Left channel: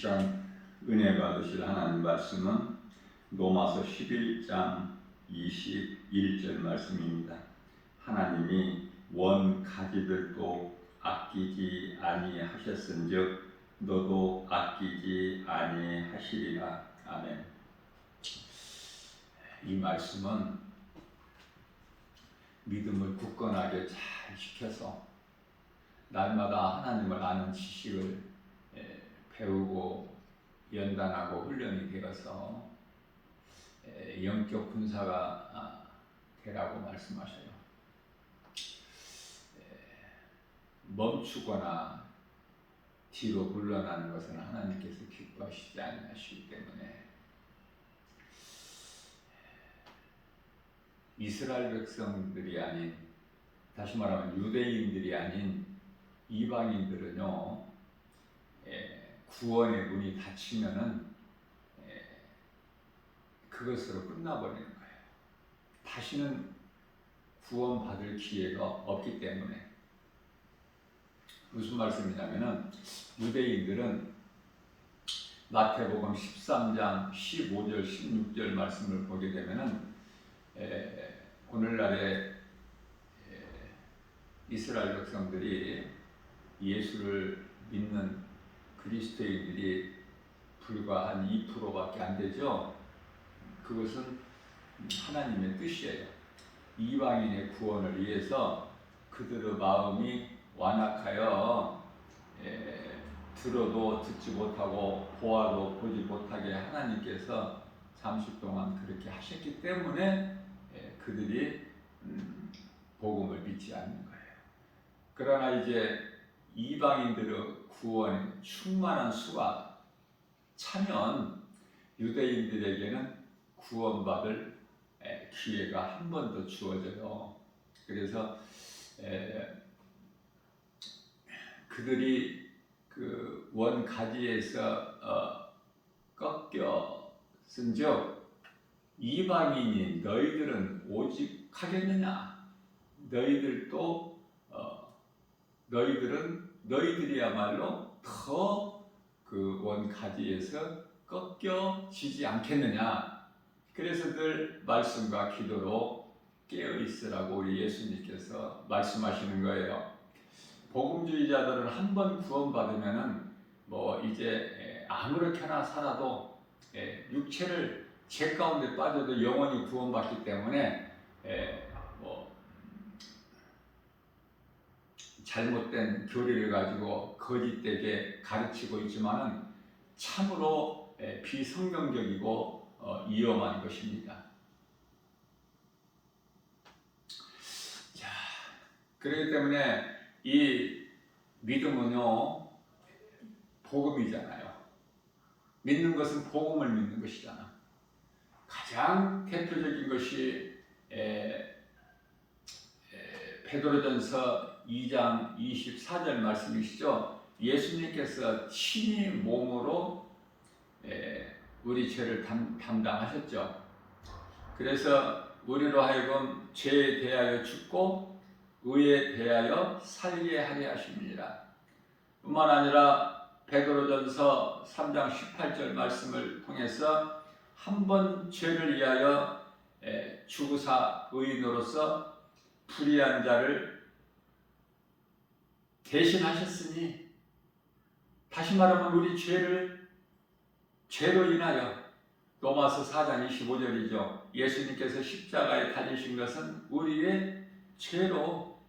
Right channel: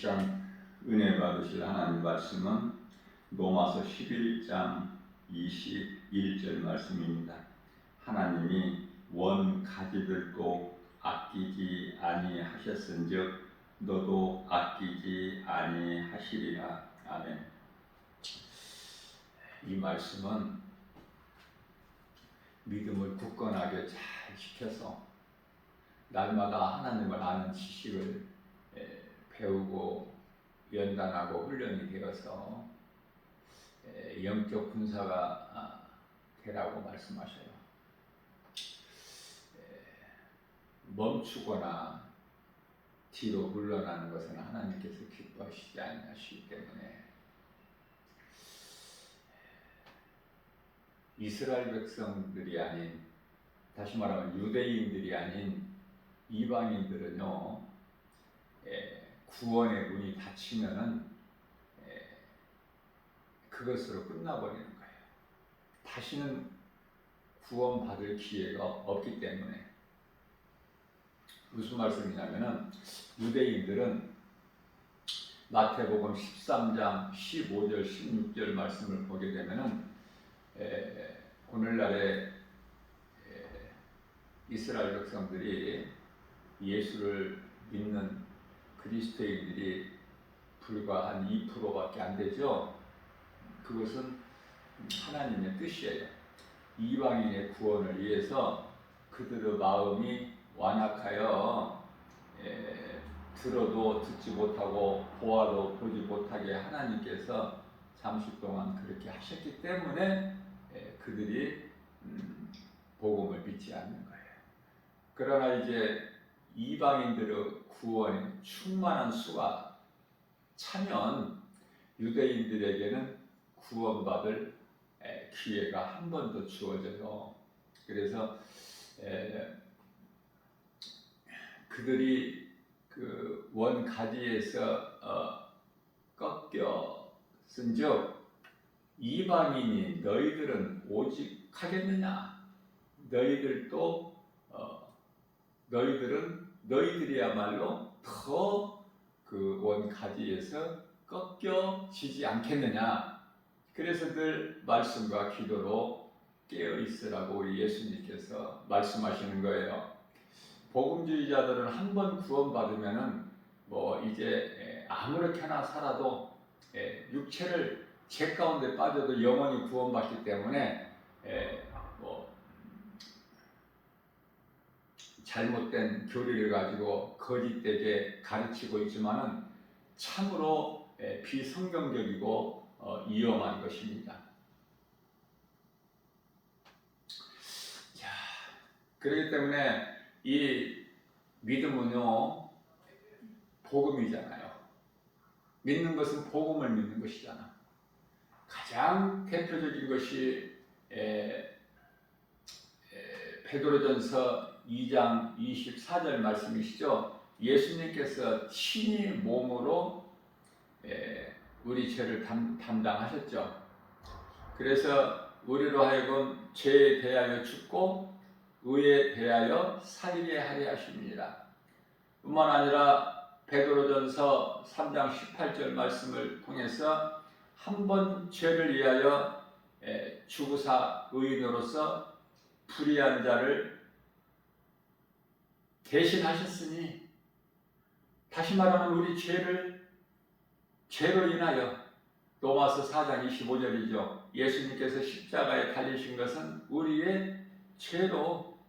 시간 은혜 받으실 하나님 말씀은 로마서 11장 21절 말씀입니다. 하나님이 원 가지들도 아끼지 아니하셨은즉 너도 아끼지 아니하시리라. 아멘. 이 말씀은 믿음을 굳건하게 잘 지켜서 날마다 하나님을 아는 지식을 배우고 연단하고 훈련이 되어서 영적 군사가 되라고 말씀하셔요. 멈추거나 뒤로 물러나는 것은 하나님께서 기뻐하시지 않으시기 때문에 이스라엘 백성들이 아닌, 다시 말하면 유대인들이 아닌 이방인들은요, 구원의 문이 닫히면은 그것으로 끝나버리는 거예요. 다시는 구원받을 기회가 없기 때문에. 무슨 말씀이냐면은 유대인들은 마태복음 13장 15절 16절 말씀을 보게 되면은 오늘날의 이스라엘 백성들이 예수를 믿는 그리스도인들이 불과 한 2%밖에 안 되죠. 그것은 하나님의 뜻이에요. 이방인의 구원을 위해서 그들의 마음이 완악하여 들어도 듣지 못하고 보아도 보지 못하게 하나님께서 잠시 동안 그렇게 하셨기 때문에 그들이 복음을 믿지 않는 거예요. 그러나 이제 이방인들의 구원에 충만한 수가 차면 유대인들에게는 구원받을 기회가 한 번 더 주어져요. 그래서 그들이 그 원가지에서 꺾였은즉 이방인이 너희들은 오직 하겠느냐? 너희들이야말로 더 그 원가지에서 꺾여지지 않겠느냐? 그래서 늘 말씀과 기도로 깨어 있으라고 우리 예수님께서 말씀하시는 거예요. 복음주의자들은 한 번 구원받으면은 이제 아무렇게나 살아도 육체를 죄 가운데 빠져도 영원히 구원받기 때문에 잘못된 교리를 가지고 거짓되게 가르치고 있지만은 참으로 비성경적이고 위험한 것입니다. 자, 그렇기 때문에 이 믿음은요, 복음이잖아요. 믿는 것은 복음을 믿는 것이잖아. 가장 대표적인 것이 베드로전서 2장 24절 말씀이시죠. 예수님께서 친히 몸으로 우리 죄를 담당하셨죠. 그래서 우리로 하여금 죄에 대하여 죽고 의에 대하여 살게 하려 하십니다. 뿐만 아니라 베드로전서 3장 18절 말씀을 통해서 한 번 죄를 위하여 죽으사 의인으로서 불의한 자를 대신하셨으니, 다시 말하면 우리 죄로 인하여, 로마서 4장 25절이죠. 예수님께서 십자가에 달리신 것은 우리의 죄로,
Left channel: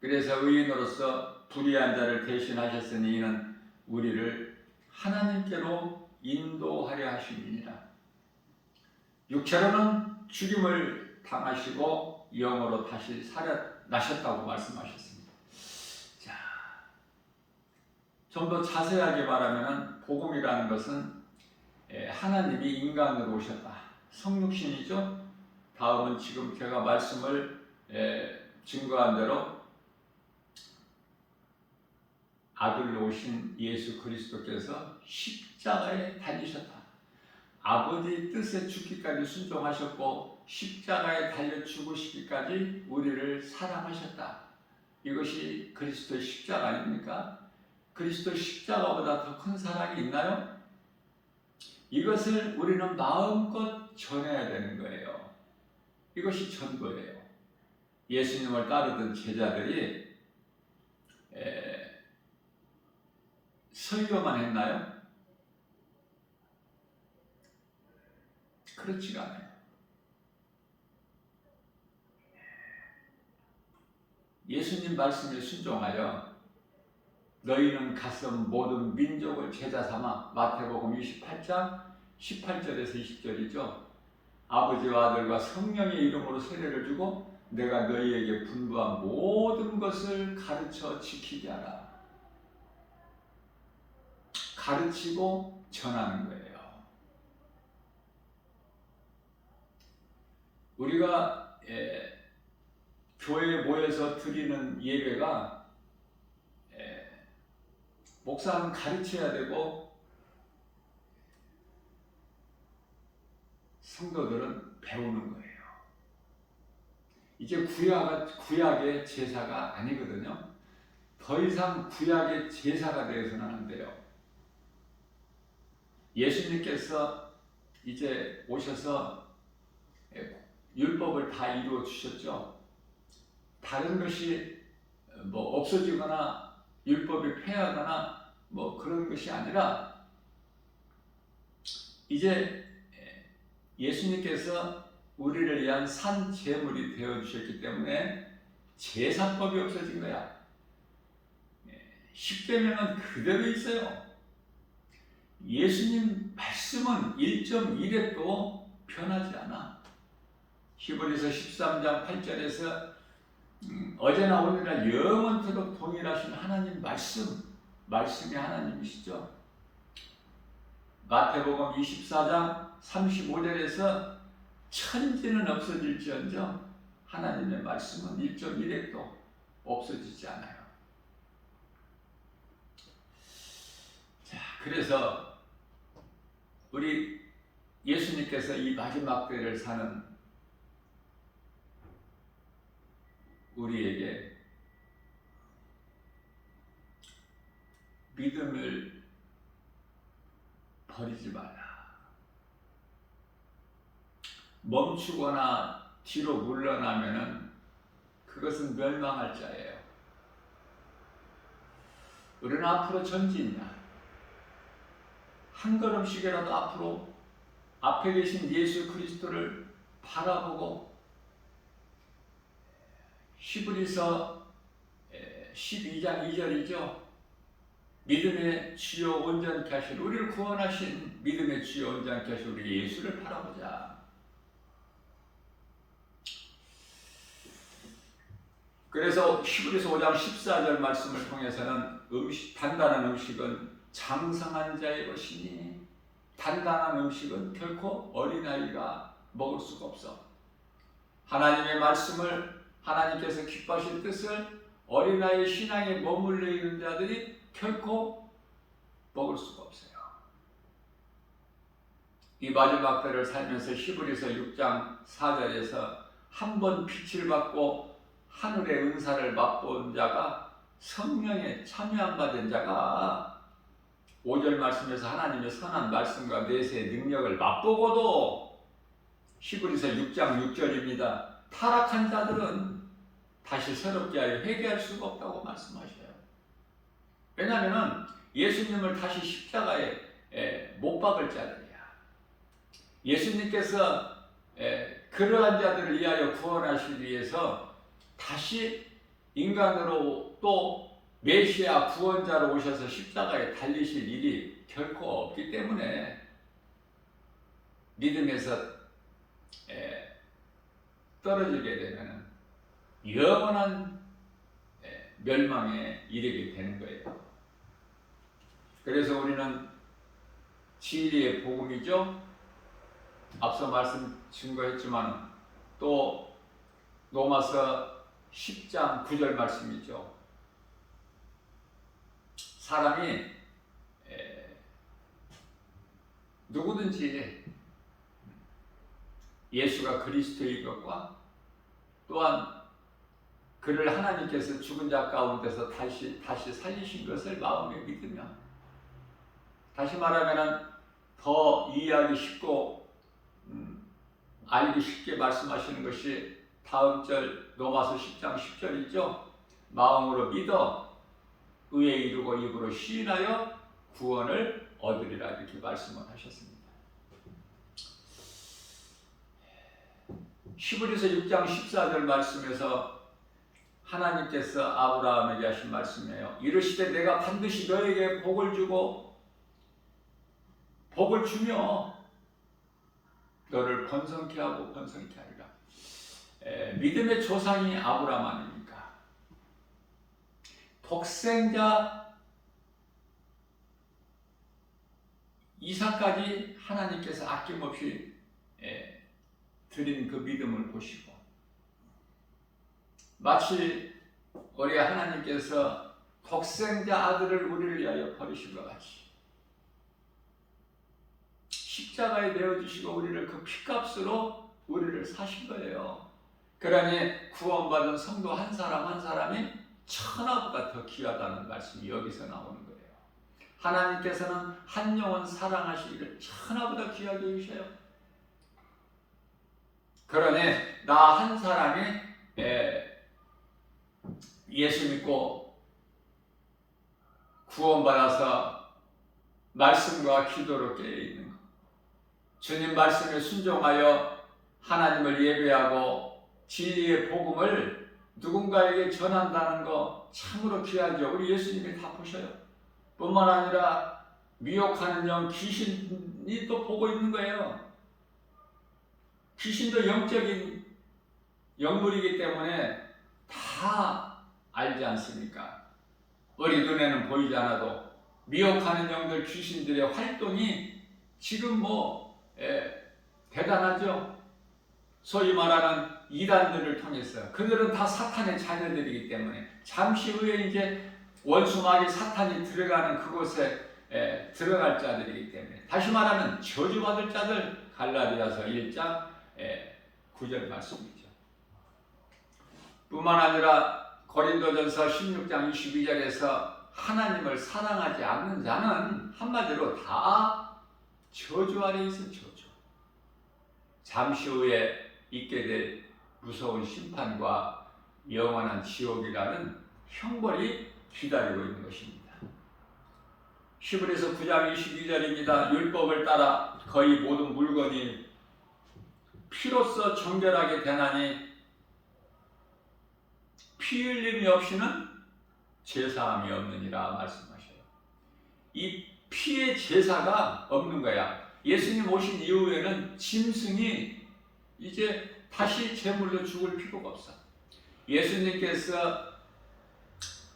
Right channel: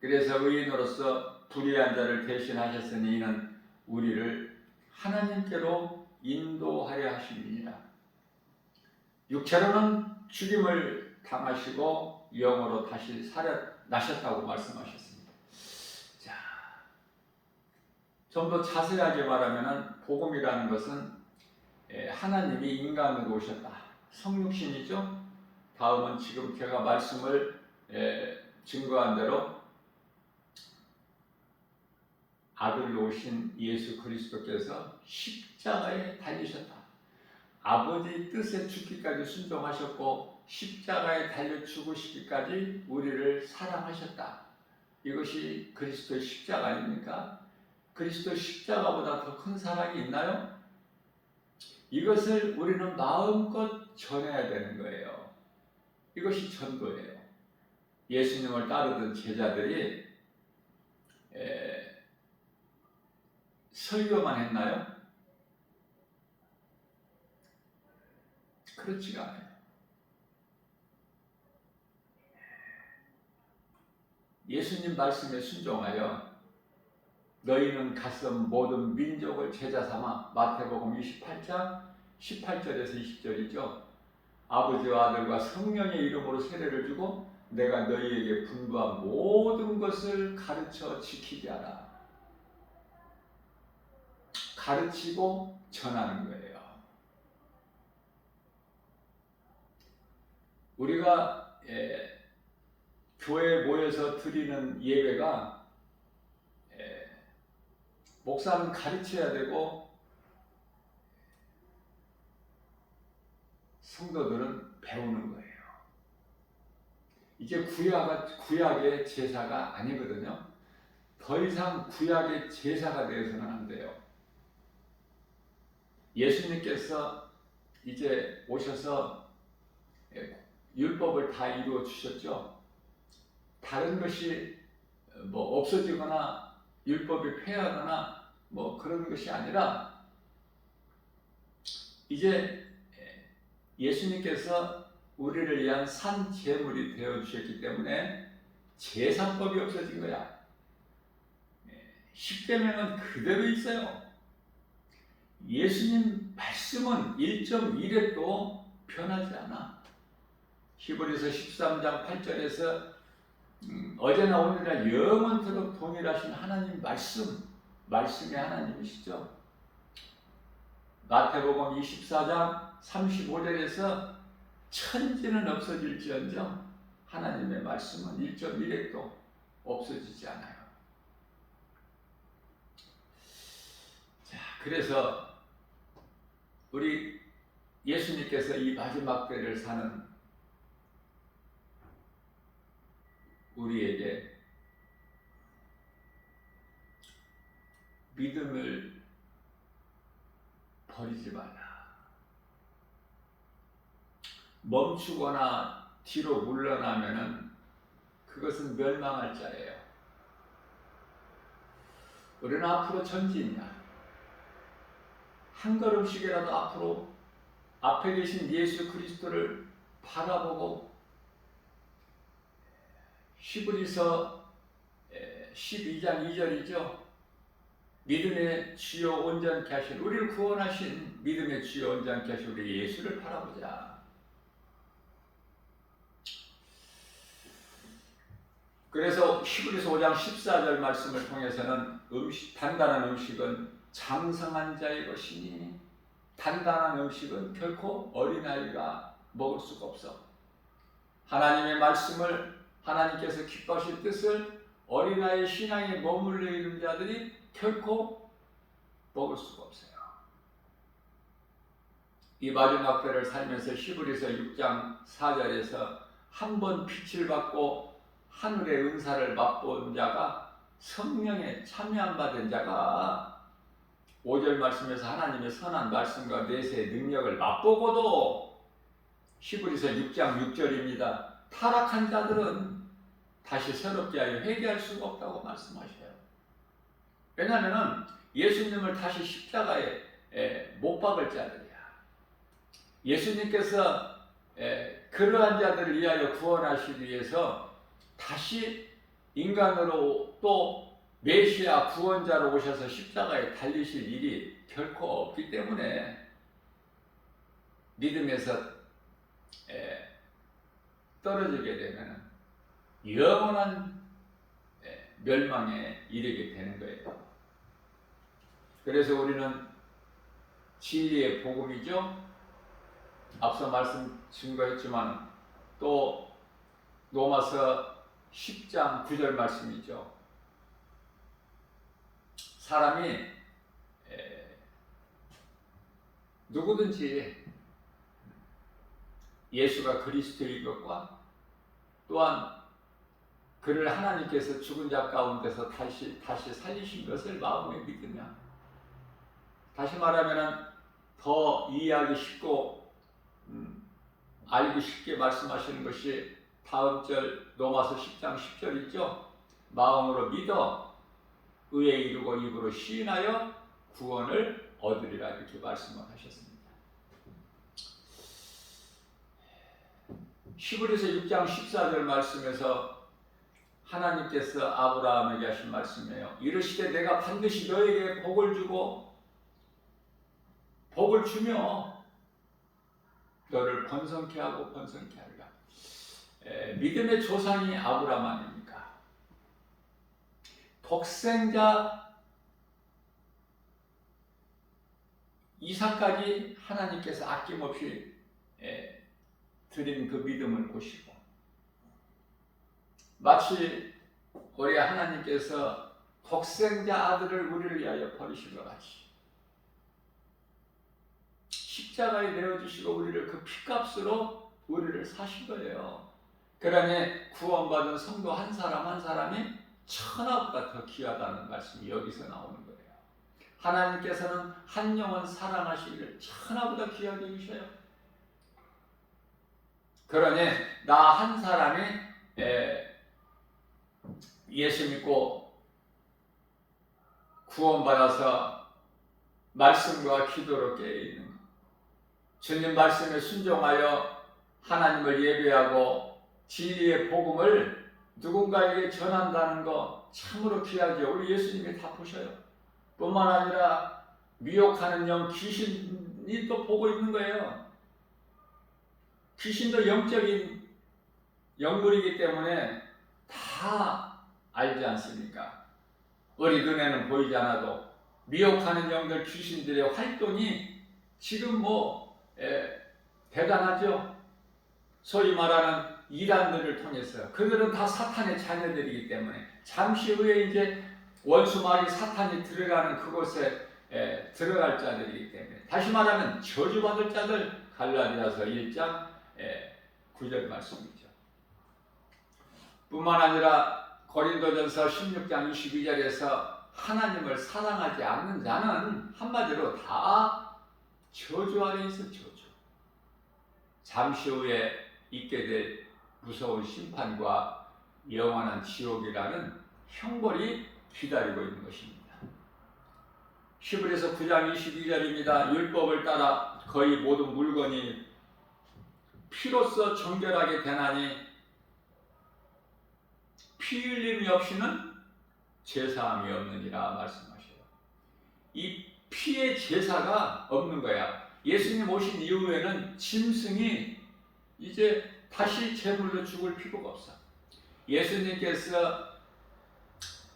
그래서 의인으로서 불의한 자를 대신하셨으니 이는 우리를 하나님께로 인도하려 하십니다. 육체로는 죽임을 당하시고 영으로 다시 살아나셨다고 말씀하셨습니다. 자, 좀 더 자세하게 말하면 복음이라는 것은 하나님이 인간으로 오셨다. 성육신이죠. 다음은 지금 제가 말씀을 증거한 대로 아들로 오신 예수 그리스도께서 십자가에 달리셨다. 아버지 뜻에 죽기까지 순종하셨고 십자가에 달려 죽으시기까지 우리를 사랑하셨다. 이것이 그리스도의 십자가 아닙니까? 그리스도 십자가보다 더 큰 사랑이 있나요? 이것을 우리는 마음껏 전해야 되는 거예요. 이것이 전도예요. 예수님을 따르던 제자들이 설교만 했나요? 그렇지가 않아요. 예수님 말씀에 순종하여 너희는 가서 모든 민족을 제자 삼아, 마태복음 28장 18절에서 20절이죠. 아버지와 아들과 성령의 이름으로 세례를 주고 내가 너희에게 분부한 모든 것을 가르쳐 지키게 하라. 가르치고 전하는 거예요. 우리가 교회에 모여서 드리는 예배가 목사는 가르쳐야 되고 성도들은 배우는 거예요. 이제 구약의 제사가 아니거든요. 더 이상 구약의 제사가 되어서는 안 돼요. 예수님께서 이제 오셔서 율법을 다 이루어 주셨죠. 다른 것이 뭐 없어지거나 율법이 폐하거나 뭐 그런 것이 아니라 이제 예수님께서 우리를 위한 산 제물이 되어 주셨기 때문에 제사법이 없어진 거야. 십계명은 그대로 있어요. 예수님 말씀은 1.1획도 변하지 않아. 히브리서 13장 8절에서 어제나 오늘이나 영원토록 동일하신 하나님 말씀이 하나님이시죠. 마태복음 24장 35절에서 천지는 없어질지언정 하나님의 말씀은 1.1획도 없어지지 않아요. 자, 그래서 우리 예수님께서 이 마지막 때를 사는 우리에게 믿음을 버리지 말라. 멈추거나 뒤로 물러나면은 그것은 멸망할 자예요. 우리는 앞으로 전진이야. 한 걸음씩이라도 앞으로 앞에 계신 예수 그리스도를 바라보고 히브리서 12장 2절이죠. 믿음의 주요 온전케 하신 우리를 구원하신 믿음의 주요 온전케 하신 우리 예수를 바라보자. 그래서 히브리서 5장 14절 말씀을 통해서는 단단한 음식은 장성한 자의 것이니 단단한 음식은 결코 어린아이가 먹을 수가 없어. 하나님의 말씀을 하나님께서 기뻐하실 뜻을 어린아이 신앙에 머물러 있는 자들이 결코 먹을 수가 없어요. 이 마지막 때를 살면서 히브리서 6장 4절에서 한 번 빛을 받고 하늘의 은사를 맛본 자가 성령에 참여한 받은 자가 5절 말씀에서 하나님의 선한 말씀과 내세의 능력을 맛보고도 히브리서 6장 6절입니다. 타락한 자들은 다시 새롭게 하여 회개할 수가 없다고 말씀하셔요. 왜냐하면 예수님을 다시 십자가에 못 박을 자들이야. 예수님께서 그러한 자들을 위하여 구원하시기 위해서 다시 인간으로 또 메시아 구원자로 오셔서 십자가에 달리실 일이 결코 없기 때문에 믿음에서 떨어지게 되면 영원한 멸망에 이르게 되는 거예요. 그래서 우리는 진리의 복음이죠. 앞서 말씀 증거했지만 또 로마서 10장 9절 말씀이죠. 사람이 누구든지 예수가 그리스도인 것과 또한 그를 하나님께서 죽은 자 가운데서 다시 살리신 것을 마음에 믿으면, 다시 말하면 더 이해하기 쉽고 알기 쉽게 말씀하시는 것이 다음 절 로마서 10장 10절 있죠. 마음으로 믿어 의에 이르고 입으로 시인하여 구원을 얻으리라, 이렇게 말씀을 하셨습니다. 히브리서 6장 14절 말씀에서 하나님께서 아브라함에게 하신 말씀이에요. 이르시되 내가 반드시 너에게 복을 주고 복을 주며 너를 번성케 하고 번성케 하리라. 믿음의 조상이 아브라함 아닙니까? 독생자 이삭까지 하나님께서 아낌없이 드린 그 믿음을 보시고, 마치 우리 하나님께서 독생자 아들을 우리를 위하여 버리신 것 같이 십자가에 내어주시고 우리를 그 피값으로 우리를 사신 거예요. 그러니 구원받은 성도 한 사람 한 사람이 천하보다 더 귀하다는 말씀이 여기서 나오는 거예요. 하나님께서는 한 영혼 사랑하시기를 천하보다 귀하게 여기셔요. 그러니 나 한 사람이 예수 믿고 구원받아서 말씀과 기도로 깨어있는 것, 주님 말씀에 순종하여 하나님을 예배하고 진리의 복음을 누군가에게 전한다는 거 참으로 귀하죠. 우리 예수님이 다 보셔요. 뿐만 아니라 미혹하는 영 귀신이 또 보고 있는 거예요. 귀신도 영적인 영물이기 때문에 다 알지 않습니까? 우리 눈에는 보이지 않아도 미혹하는 영들, 귀신들의 활동이 지금 대단하죠. 소위 말하는 이단들을 통해서, 그들은 다 사탄의 자녀들이기 때문에 잠시 후에 이제 원수마귀 사탄이 들어가는 그곳에 들어갈 자들이기 때문에, 다시 말하면 저주받을 자들, 갈라디아서 1장 9절 말씀이죠. 뿐만 아니라 고린도전서 16장 22절에서 하나님을 사랑하지 않는 자는 한마디로 다 저주 아래 있어. 저주. 잠시 후에 있게 될 무서운 심판과 영원한 지옥이라는 형벌이 기다리고 있는 것입니다. 히브리서 9장 22절입니다. 율법을 따라 거의 모든 물건이 피로써 정결하게 되나니 피 흘림이 없이는 제사함이 없느니라 말씀하셔요. 이 피의 제사가 없는 거야. 예수님 오신 이후에는 짐승이 이제 다시 제물로 죽을 필요가 없어. 예수님께서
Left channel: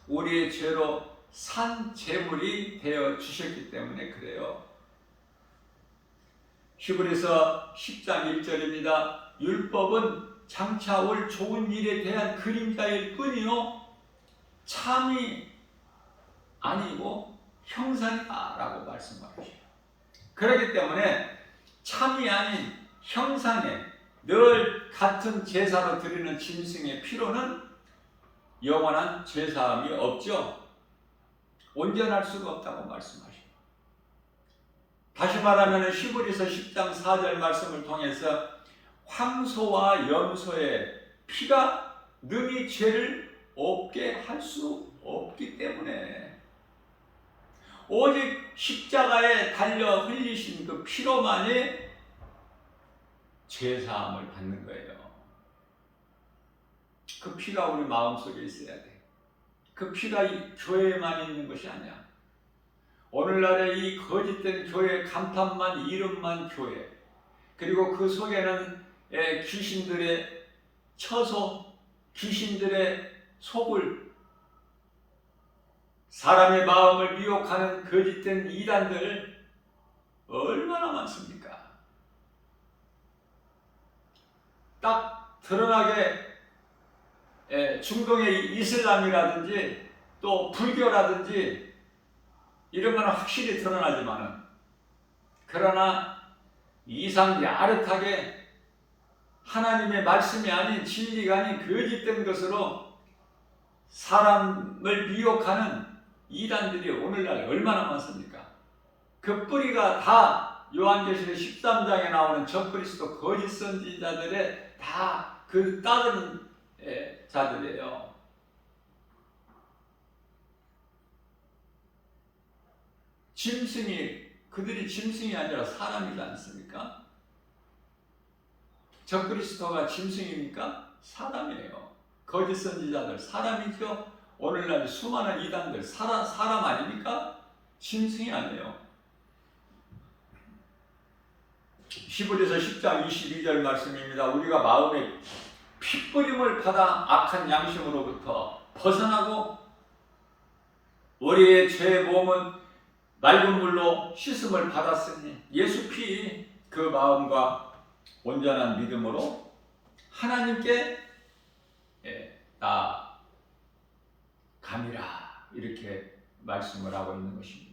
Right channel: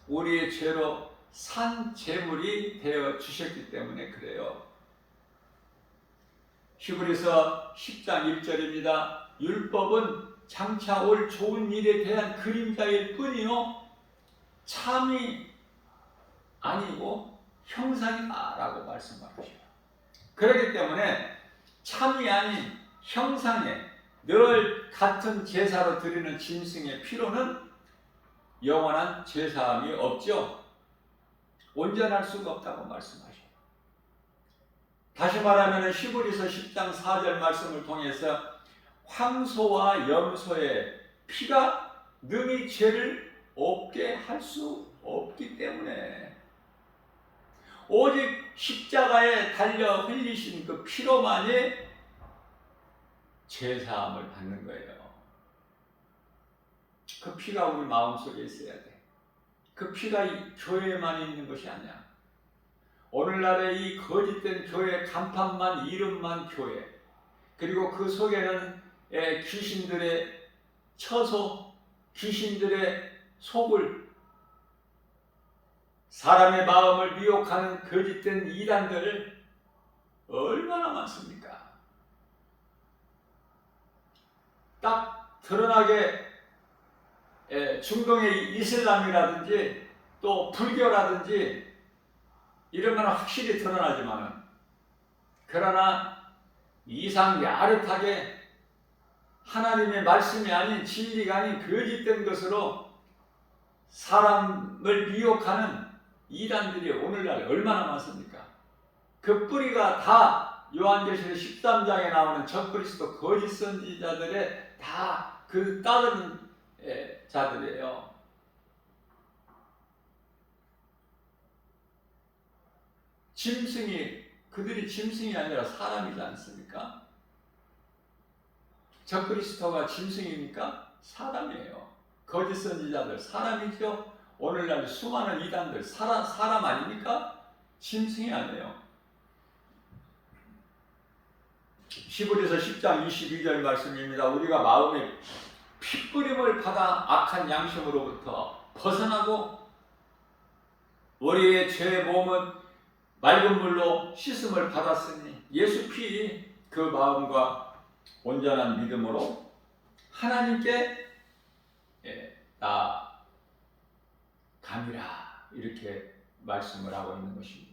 우리의 죄로 산 제물이 되어 주셨기 때문에 그래요. 히브리서 10장 1절입니다. 율법은 장차 올 좋은 일에 대한 그림자일 뿐이요 참이 아니고 형상이다 라고 말씀하셔요. 그렇기 때문에 참이 아닌 형상에 늘 같은 제사로 드리는 짐승의 피로는 영원한 제사함이 없죠. 온전할 수가 없다고 말씀하셔요. 다시 말하면 히브리서 10장 4절 말씀을 통해서 황소와 염소의 피가 능히 죄를 없게 할 수 없기 때문에 오직 십자가에 달려 흘리신 그 피로만이 죄사함을 받는 거예요. 그 피가 우리 마음속에 있어야 돼. 그 피가 이 교회에만 있는 것이 아니야. 오늘날의 이 거짓된 교회, 간판만, 이름만 교회, 그리고 그 속에는 귀신들의 처소, 귀신들의 속을, 사람의 마음을 미혹하는 거짓된 이단들 얼마나 많습니까? 딱 드러나게 중동의 이슬람이라든지 또 불교라든지 이런 거는 확실히 드러나지만은, 그러나 이상 야릇하게 하나님의 말씀이 아닌 진리가 아닌 거짓된 것으로 사람을 미혹하는 이단들이 오늘날 얼마나 많습니까? 그 뿌리가 다 요한계시록 13장에 나오는 적그리스도 거짓 선지자들의 다 그 따르는 자들이에요. 그들이 짐승이 아니라 사람이지 않습니까? 적그리스도가 짐승입니까? 사람이에요. 거짓 선지자들 사람이죠. 오늘날 수많은 이단들 사람 아닙니까? 짐승이 아니에요. 히브리서 10장 22절 말씀입니다. 우리가 마음에 핏부림을 받아 악한 양심으로부터 벗어나고 우리의 죄의 몸은 맑은 물로 씻음을 받았으니 예수 피 그 마음과 온전한 믿음으로 하나님께 나아감이라 이렇게 말씀을 하고 있는 것입니다.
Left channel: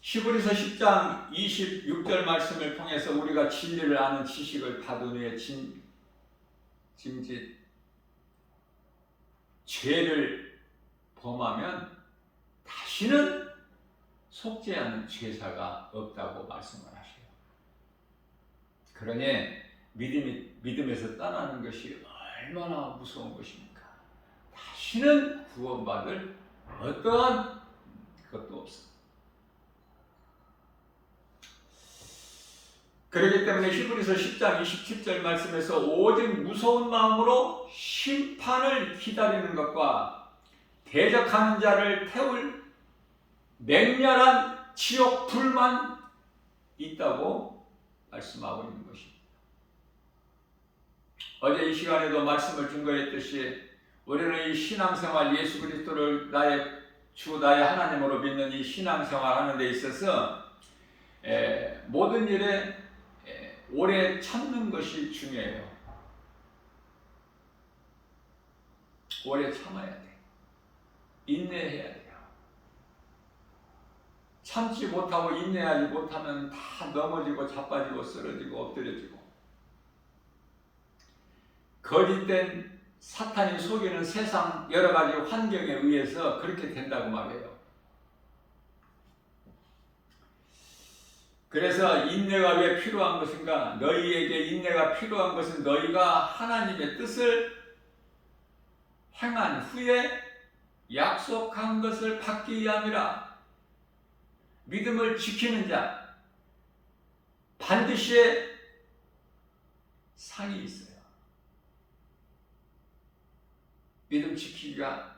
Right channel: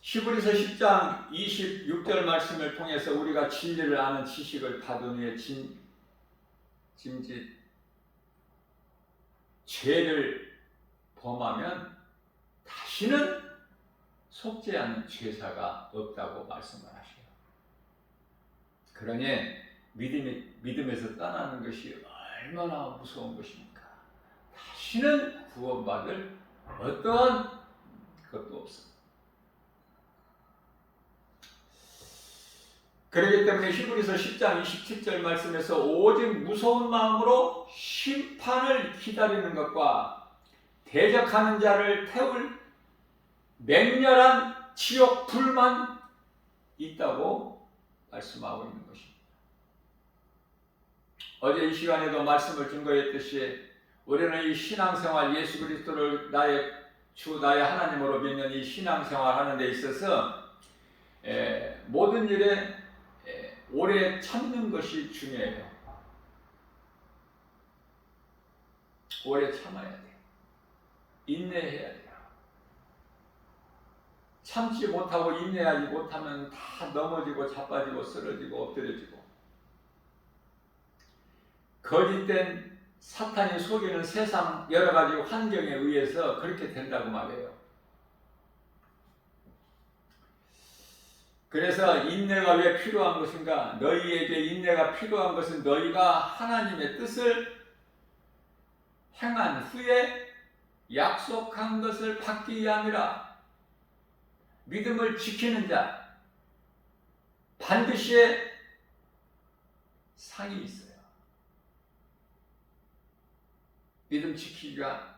히브리서 10장 26절 말씀을 통해서 우리가 진리를 아는 지식을 받은 후에 짐짓 죄를 범하면 다시는 속지 않는 죄사가 없다고 말씀을 하시요. 그러니 믿음에서 떠나는 것이 얼마나 무서운 것입니까? 다시는 구원받을 어떠한 것도 없습니다. 그렇기 때문에 히브리서 10장 27절 말씀에서 오직 무서운 마음으로 심판을 기다리는 것과 대적하는 자를 태울 맹렬한 지옥 불만 있다고 말씀하고 있는 것입니다. 어제 이 시간에도 말씀을 증거했듯이 우리는 이 신앙생활 예수 그리스도를 나의 하나님으로 믿는 이 신앙생활 하는 데 있어서 모든 일에 오래 참는 것이 중요해요. 오래 참아야 돼요. 인내해야 돼요. 참지 못하고 인내하지 못하면 다 넘어지고 자빠지고 쓰러지고 엎드려지고 거짓된 사탄이 속이는 세상 여러 가지 환경에 의해서 그렇게 된다고 말해요. 그래서 인내가 왜 필요한 것인가? 너희에게 인내가 필요한 것은 너희가 하나님의 뜻을 행한 후에 약속한 것을 받기 위함이라. 믿음을 지키는 자 반드시 상이 있어요. 믿음 지키기가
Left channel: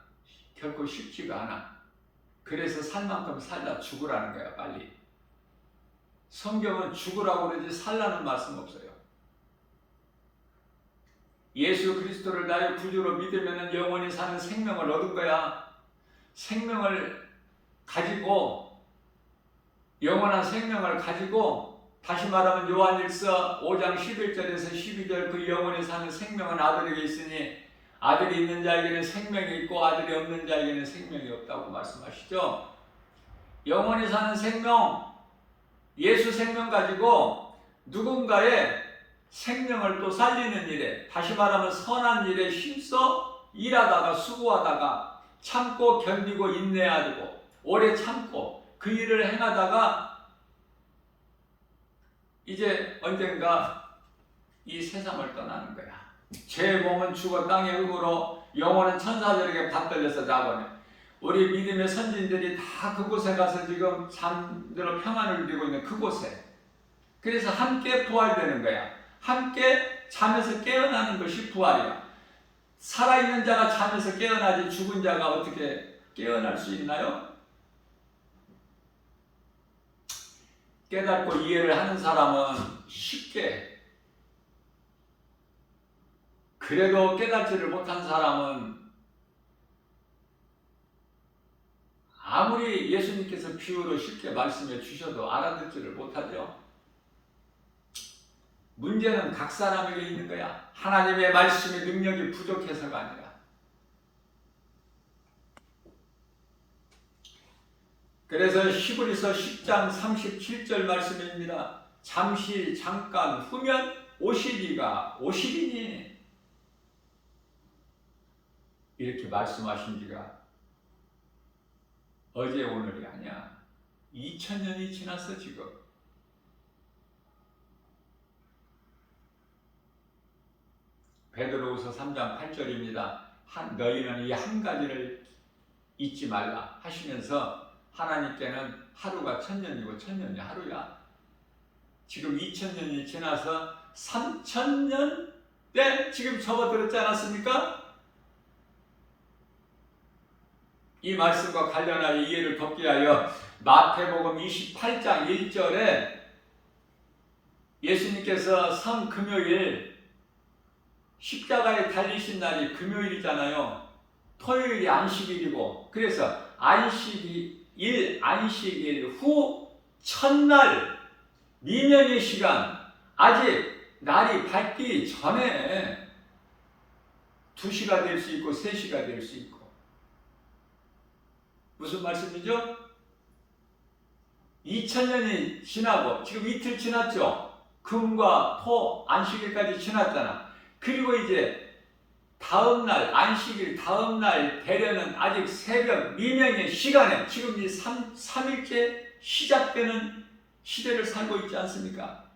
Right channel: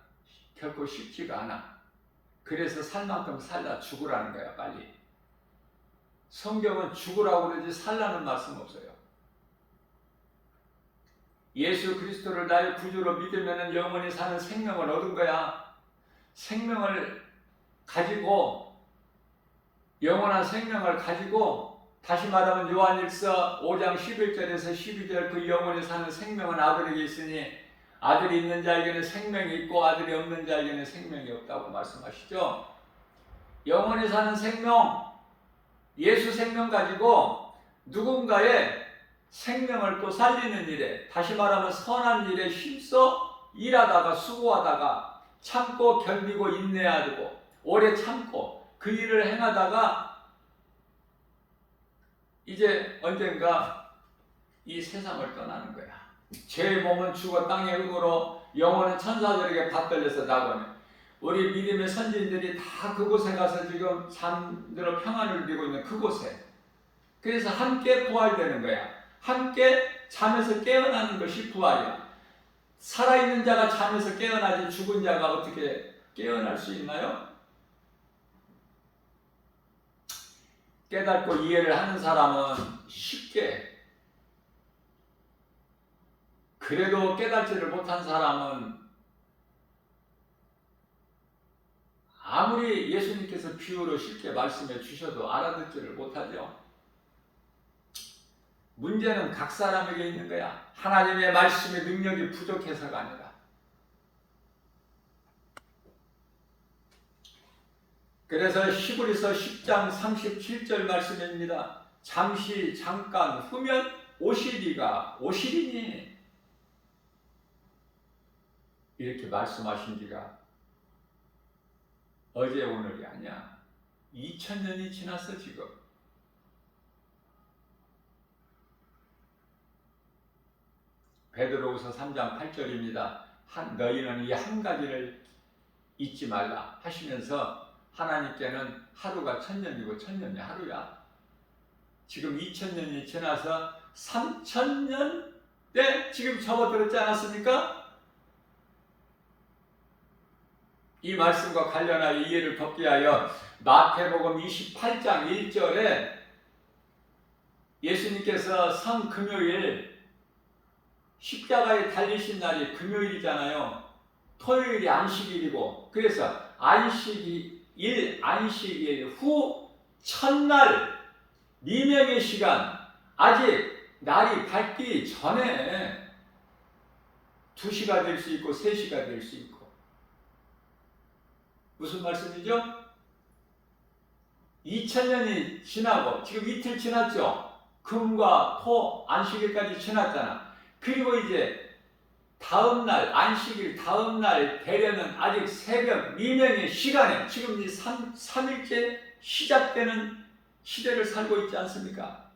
결코 쉽지가 않아. 그래서 살 만큼 살다 죽으라는 거야. 빨리. 성경은 죽으라고 그러지 살라는 말씀 없어요. 예수 그리스도를 나의 구주로 믿으면 영원히 사는 생명을 얻은 거야. 생명을 가지고 영원한 생명을 가지고 다시 말하면 요한일서 5장 11절에서 12절 그 영원히 사는 생명은 아들에게 있으니 아들이 있는 자에게는 생명이 있고 아들이 없는 자에게는 생명이 없다고 말씀하시죠. 영원히 사는 생명 예수 생명 가지고 누군가의 생명을 또 살리는 일에 다시 말하면 선한 일에 힘써 일하다가 수고하다가 참고 견디고 인내하고 오래 참고 그 일을 행하다가 이제 언젠가 이 세상을 떠나는 거야. 죄의 몸은 죽어 땅의 흙으로 영혼은 천사들에게 받들려서 나가네. 우리 믿음의 선진들이 다 그곳에 가서 지금 잠들어 평안을 누리고 있는 그곳에. 그래서 함께 부활되는 거야. 함께 잠에서 깨어나는 것이 부활이야. 살아있는 자가 잠에서 깨어나지 죽은 자가 어떻게 깨어날 수 있나요? 깨닫고 이해를 하는 사람은 쉽게, 그래도 깨닫지를 못한 사람은 아무리 예수님께서 비유로 쉽게 말씀해 주셔도 알아듣지를 못하죠. 문제는 각 사람에게 있는 거야. 하나님의 말씀의 능력이 부족해서가 아니라. 그래서 히브리서 10장 37절 말씀입니다. 잠깐, 후면 오시리니 이렇게 말씀하신 지가 어제 오늘이 아니야. 2000년이 지났어 지금. 베드로후서 3장 8절입니다. 너희는 이 한 가지를 잊지 말라 하시면서 하나님께는 하루가 1000년이고 1000년이 하루야. 지금 2000년이 지나서 3000년 때 지금 접어들었지 않았습니까? 이 말씀과 관련하여 이해를 돕기 위하여 마태복음 28장 1절에 예수님께서 성금요일 십자가에 달리신 날이 금요일이잖아요. 토요일이 안식일이고, 그래서 안식일 후 첫날 미명의 시간, 아직 날이 밝기 전에 2시가 될 수 있고 3시가 될 수 있고. 무슨 말씀이죠? 2000년이 지나고 지금 이틀 지났죠? 금과 토 안식일까지 지났잖아. 그리고 이제 다음날 안식일 다음날 되려는 아직 새벽 미명의 시간에 지금 이 3일째 시작되는 시대를 살고 있지 않습니까?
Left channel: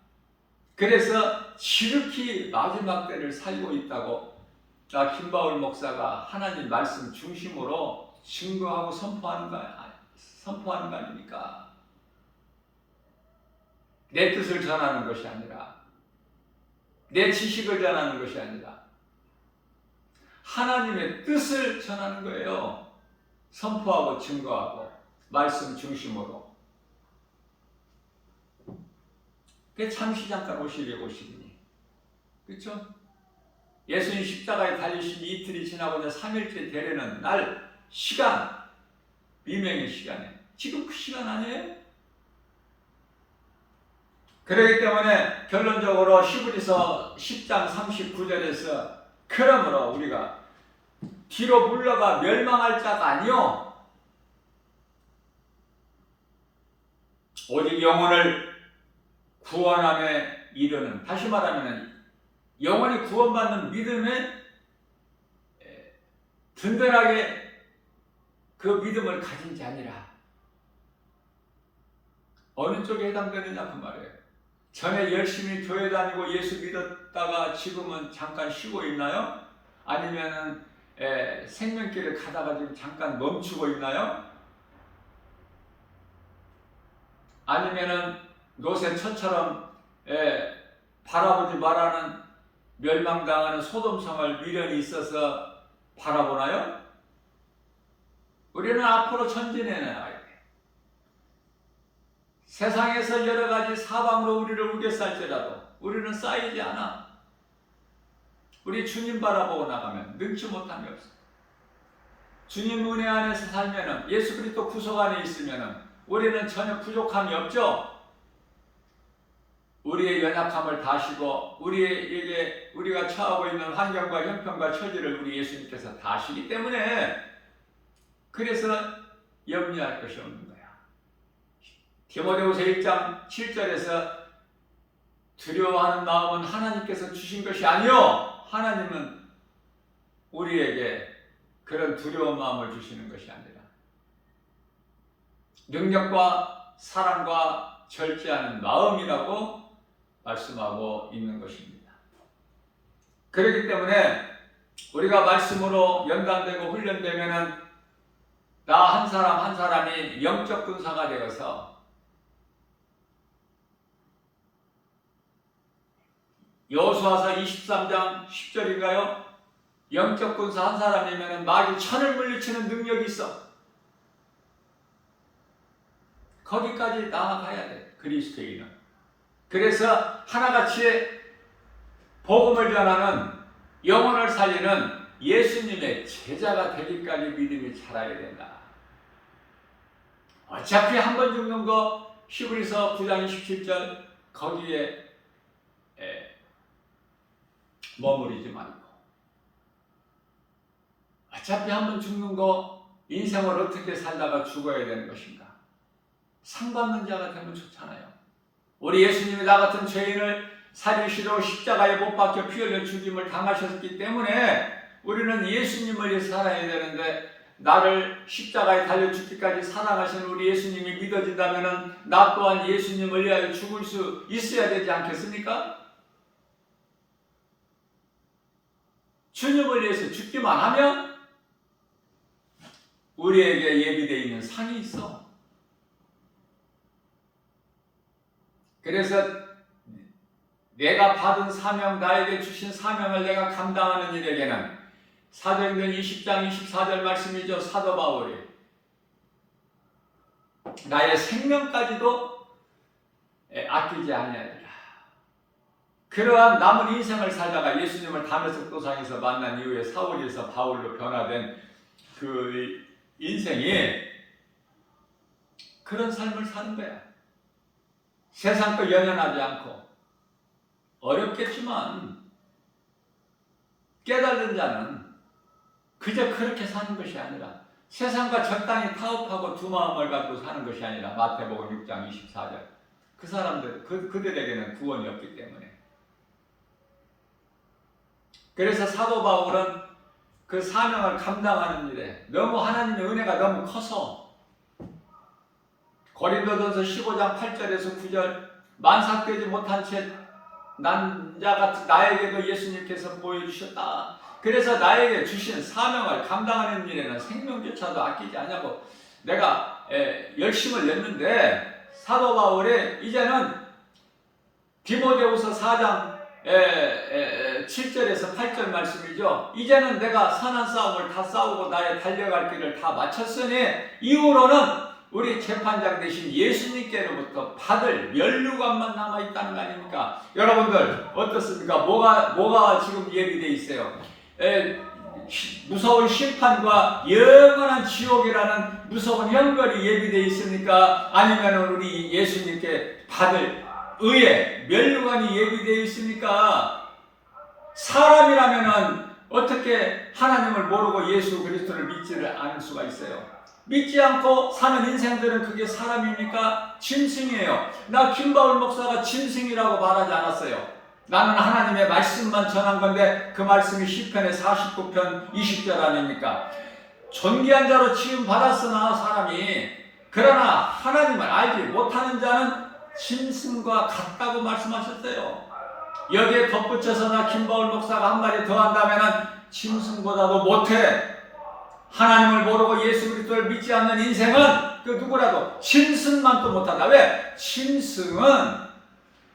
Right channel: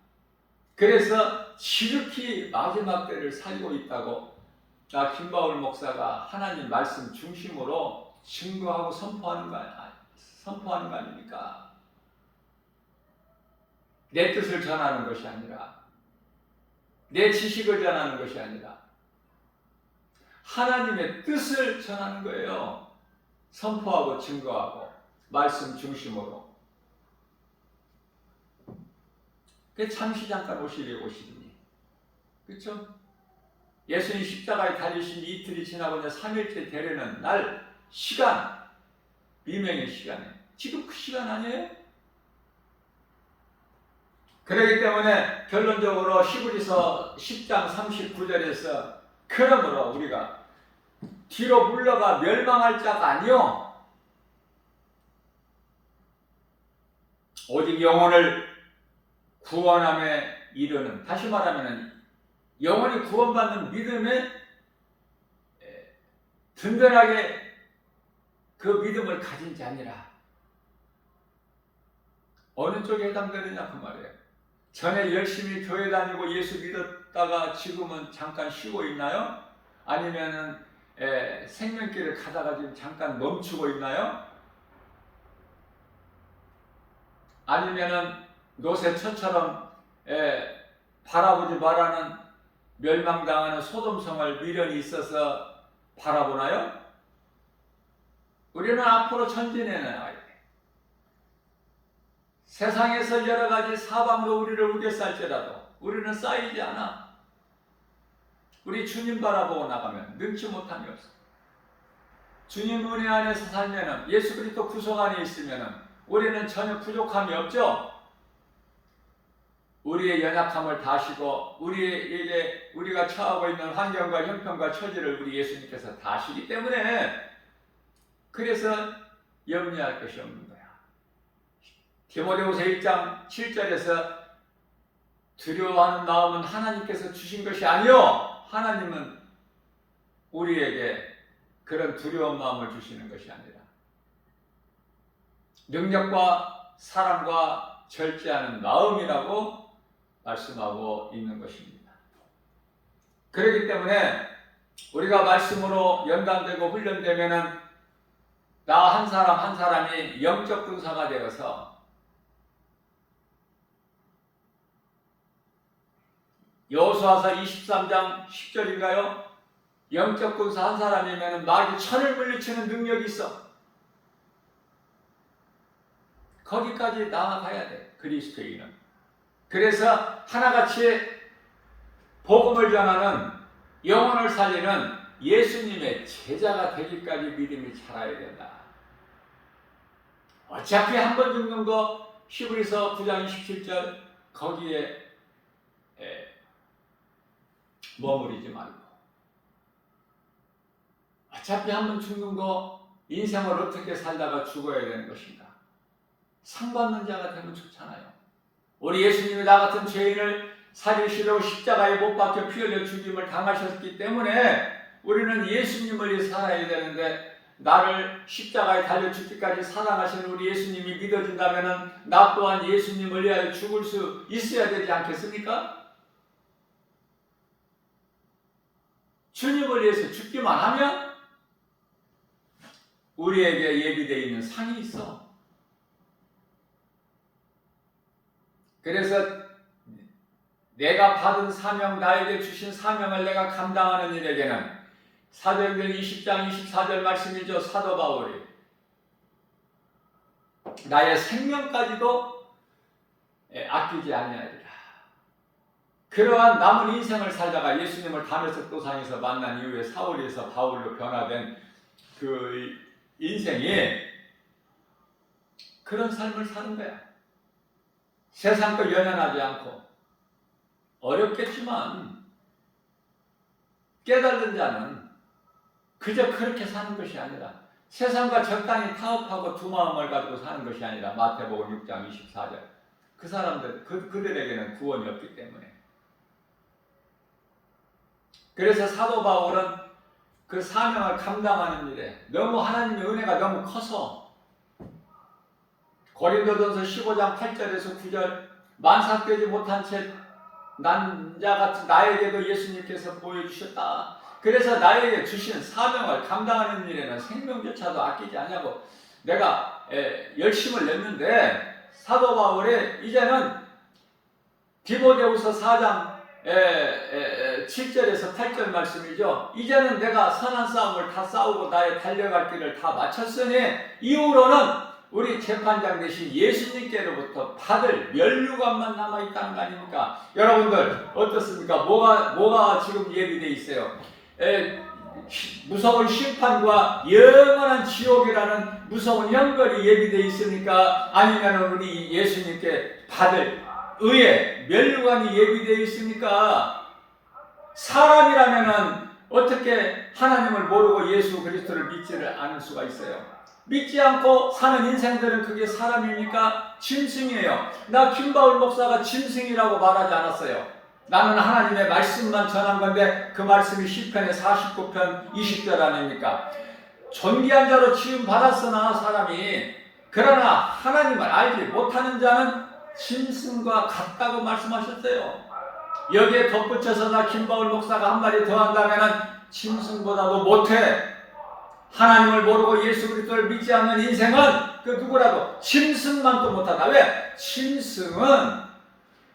그래서 지극히 마지막 때를 살고 있다고 김바울 목사가 하나님 말씀 중심으로 증거하고 선포하는 거 아닙니까? 내 뜻을 전하는 것이 아니라, 내 지식을 전하는 것이 아니라 하나님의 뜻을 전하는 거예요. 선포하고 증거하고 말씀 중심으로. 그게 잠시 잠깐 오시리니. 그렇죠? 예수님 십자가에 달리신 이틀이 지나고 이제 3일째 되려는 날 시간, 미명의 시간에 지금 그 시간 아니에요? 그렇기 때문에 결론적으로 히브리서 10장 39절에서 그러므로 우리가 뒤로 물러가 멸망할 자가 아니요 오직 영혼을 구원함에 이르는, 다시 말하면 영혼이 구원받는 믿음에 든든하게 그 믿음을 가진 자니라. 어느 쪽에 해당되느냐 그 말이에요. 전에 열심히 교회 다니고 예수 믿었다가 지금은 잠깐 쉬고 있나요? 아니면은 생명길을 가다가 지금 잠깐 멈추고 있나요? 아니면은 노새처처럼 바라보지 말라는 멸망당하는 소돔성을 미련이 있어서 바라보나요? 우리는 앞으로 전진해 나가야 돼. 세상에서 여러 가지 사방으로 우리를 우겨쌀지라도 우리는 쌓이지 않아. 우리 주님 바라보고 나가면 능치 못함이 없어. 주님 은혜 안에서 살면은, 예수 그리스도 구속 안에 있으면은 우리는 전혀 부족함이 없죠. 우리의 연약함을 다시고 우리가 처하고 있는 환경과 형편과 처지를 우리 예수님께서 다시기 때문에, 그래서 염려할 것이 없는 거야. 디모데후서 1장 7절에서 두려워하는 마음은 하나님께서 주신 것이 아니요, 하나님은 우리에게 그런 두려운 마음을 주시는 것이 아니라 능력과 사랑과 절제하는 마음이라고 말씀하고 있는 것입니다. 그렇기 때문에 우리가 말씀으로 연단되고 훈련되면은 나 한 사람 한 사람이 영적 군사가 되어서 여호수아서 23장 10절인가요? 영적 군사 한 사람이면 마귀 1000을 물리치는 능력이 있어. 거기까지 나아가야 돼, 그리스도인은. 그래서 하나같이 복음을 전하는, 영혼을 살리는 예수님의 제자가 되기까지 믿음이 자라야 된다. 어차피 한 번 죽는 거, 히브리서 9장 27절 거기에 머무르지 말고, 어차피 한 번 죽는 거, 인생을 어떻게 살다가 죽어야 되는 것인가? 상 받는 자가 되면 좋잖아요. 우리 예수님이 나 같은 죄인을 살리시려고 십자가에 못 박혀 피 흘려 죽임을 당하셨기 때문에 우리는 예수님을 위해서 살아야 되는데 나를 십자가에 달려 죽기까지 사랑하시는 우리 예수님이 믿어진다면 나 또한 예수님을 위하여 죽을 수 있어야 되지 않겠습니까? 주님을 위해서 죽기만 하면 우리에게 예비되어 있는 상이 있어. 그래서 내가 받은 사명, 나에게 주신 사명을 내가 감당하는 일에게는 사도행전 20장 24절 말씀이죠. 사도 바울이 나의 생명까지도 아끼지 아니하리라. 그러한 남은 인생을 살다가 예수님을 다메섹 도상에서 만난 이후에 사울에서 바울로 변화된 그 인생이 그런 삶을 사는 거야. 세상과 연연하지 않고 어렵겠지만 깨달은 자는 그저 그렇게 사는 것이 아니라 세상과 적당히 타협하고 두 마음을 가지고 사는 것이 아니라 마태복음 6장 24절 그 사람들 그들에게는 구원이 없기 때문에 그래서 사도 바울은 그 사명을 감당하는 일에 너무 하나님의 은혜가 너무 커서 고린도전서 15장 8절에서 9절 만삭되지 못한 채 난 자 같은 나에게도 예수님께서 보여주셨다. 그래서 나에게 주신 사명을 감당하는 일에는 생명조차도 아끼지 않냐고 내가 열심을 냈는데 사도 바울의 이제는 디모데후서 4장 7절에서 8절 말씀이죠. 이제는 내가 선한 싸움을 다 싸우고 나의 달려갈 길을 다 마쳤으니 이후로는 우리 재판장 되신 예수님께로부터 받을 면류관만 남아있다는 거 아닙니까? 여러분들 어떻습니까? 뭐가 지금 예비되어 있어요? 무서운 심판과 영원한 지옥이라는 무서운 형벌이 예비되어 있습니까? 아니면 우리 예수님께 받을 의의 면류관이 예비되어 있습니까? 사람이라면은 어떻게 하나님을 모르고 예수 그리스도를 믿지를 않을 수가 있어요? 믿지 않고 사는 인생들은 그게 사람입니까? 짐승이에요. 나 김바울 목사가 짐승이라고 말하지 않았어요. 나는 하나님의 말씀만 전한 건데 그 말씀이 시편의 49편 20절 아닙니까? 존귀한 자로 취임 받았으나 사람이 그러나 하나님을 알지 못하는 자는 짐승과 같다고 말씀하셨어요. 여기에 덧붙여서 나 김바울 목사가 한 마디 더 한다면 짐승보다도 못해. 하나님을 모르고 예수 그리스도를 믿지 않는 인생은 그 누구라도 짐승만도 못하다. 왜? 짐승은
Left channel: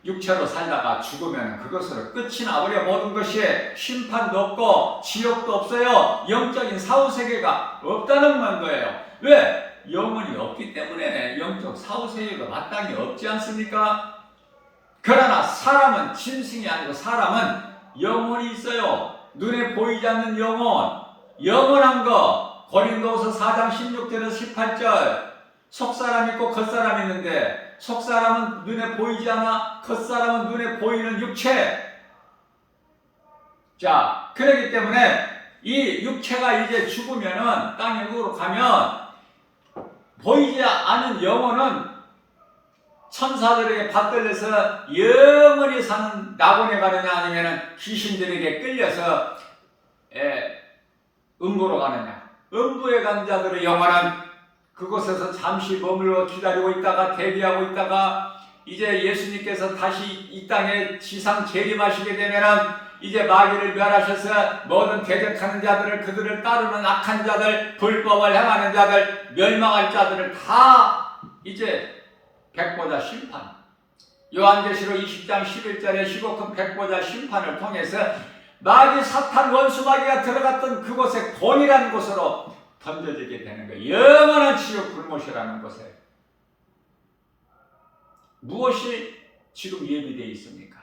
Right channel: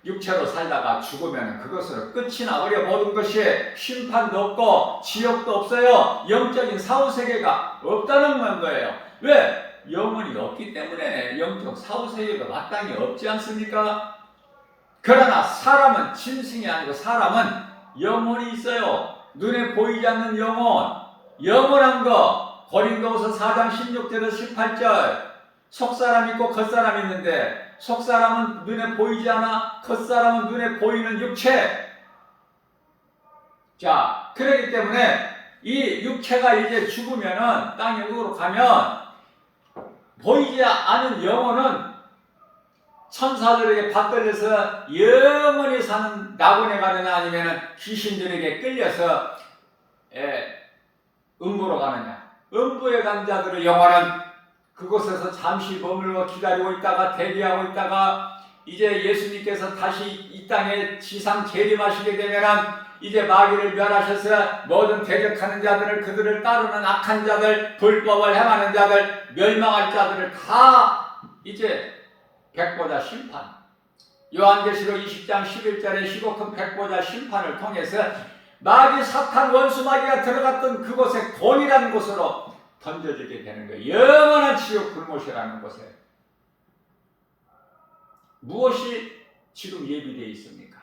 육체로 살다가 죽으면 그것으로 끝이 나버려. 모든 것이 심판도 없고 지옥도 없어요. 영적인 사후세계가 없다는 거예요. 왜? 영혼이 없기 때문에 영적 사후세계가 마땅히 없지 않습니까? 그러나 사람은 짐승이 아니고 사람은 영혼이 있어요. 눈에 보이지 않는 영혼, 영원한 것. 고린도후서 4장 16절에서 18절 속사람 있고 겉사람 있는데 속사람은 눈에 보이지 않아 겉사람은 눈에 보이는 육체. 자, 그렇기 때문에 이 육체가 이제 죽으면은 땅 영으로 가면 보이지 않은 영혼은 천사들에게 받들려서 영원히 사는 낙원에 가느냐 아니면은 귀신들에게 끌려서 음부로 가느냐. 음부에 간 자들의 영혼은 그곳에서 잠시 머물러 기다리고 있다가 대기하고 있다가 이제 예수님께서 다시 이 땅에 지상 재림하시게 되면은 이제 마귀를 멸하셔서 모든 대적하는 자들을 그들을 따르는 악한 자들 불법을 행하는 자들 멸망할 자들을 다 이제 백보자 심판 요한계시록 20장 11절에 15큰 백보자 심판을 통해서 마귀 사탄 원수 마귀가 들어갔던 그곳에 돈이라는 곳으로 던져지게 되는 거예요. 영원한 지옥 불못이라는 곳에. 무엇이 지금 예비되어 있습니까?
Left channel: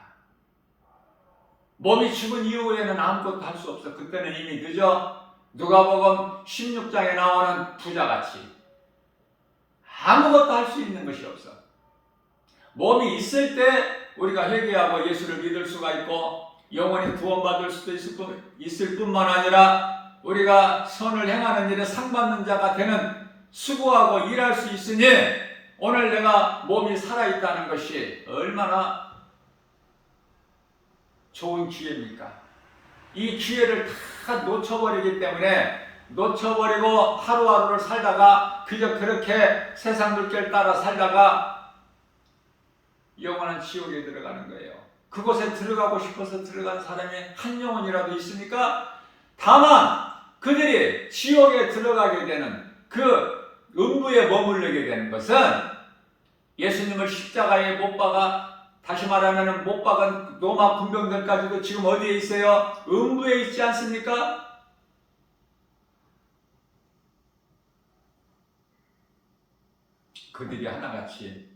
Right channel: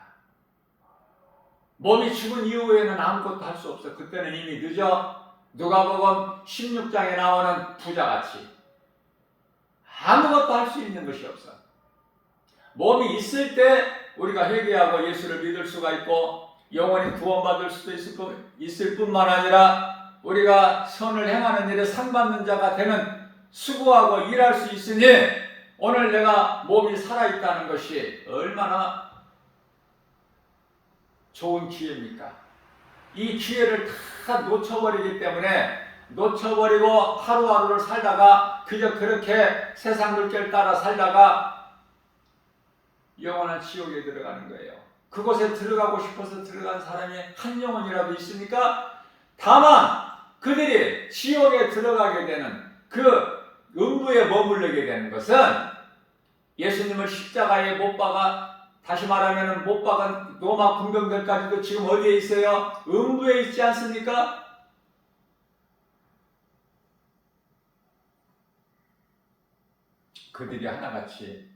몸이 죽은 이후에는 아무것도 할 수 없어. 그때는 이미 늦어. 누가복음 16장에 나오는 부자같이 아무것도 할 수 있는 것이 없어. 몸이 있을 때 우리가 회개하고 예수를 믿을 수가 있고 영원히 구원받을 수도 있을 뿐만 아니라 우리가 선을 행하는 일에 상받는 자가 되는 수고하고 일할 수 있으니 오늘 내가 몸이 살아있다는 것이 얼마나 좋은 기회입니까? 이 기회를 다 놓쳐버리기 때문에 놓쳐버리고 하루하루를 살다가 그저 그렇게 세상 물결 따라 살다가 영원한 지옥에 들어가는 거예요. 그곳에 들어가고 싶어서 들어간 사람이 한 영혼이라도 있습니까? 다만 그들이 지옥에 들어가게 되는 그 음부에 머무르게 되는 것은 예수님을 십자가에 못 박아, 다시 말하면 못 박은 로마 군병들까지도 지금 어디에 있어요? 음부에 있지 않습니까? 그들이 하나같이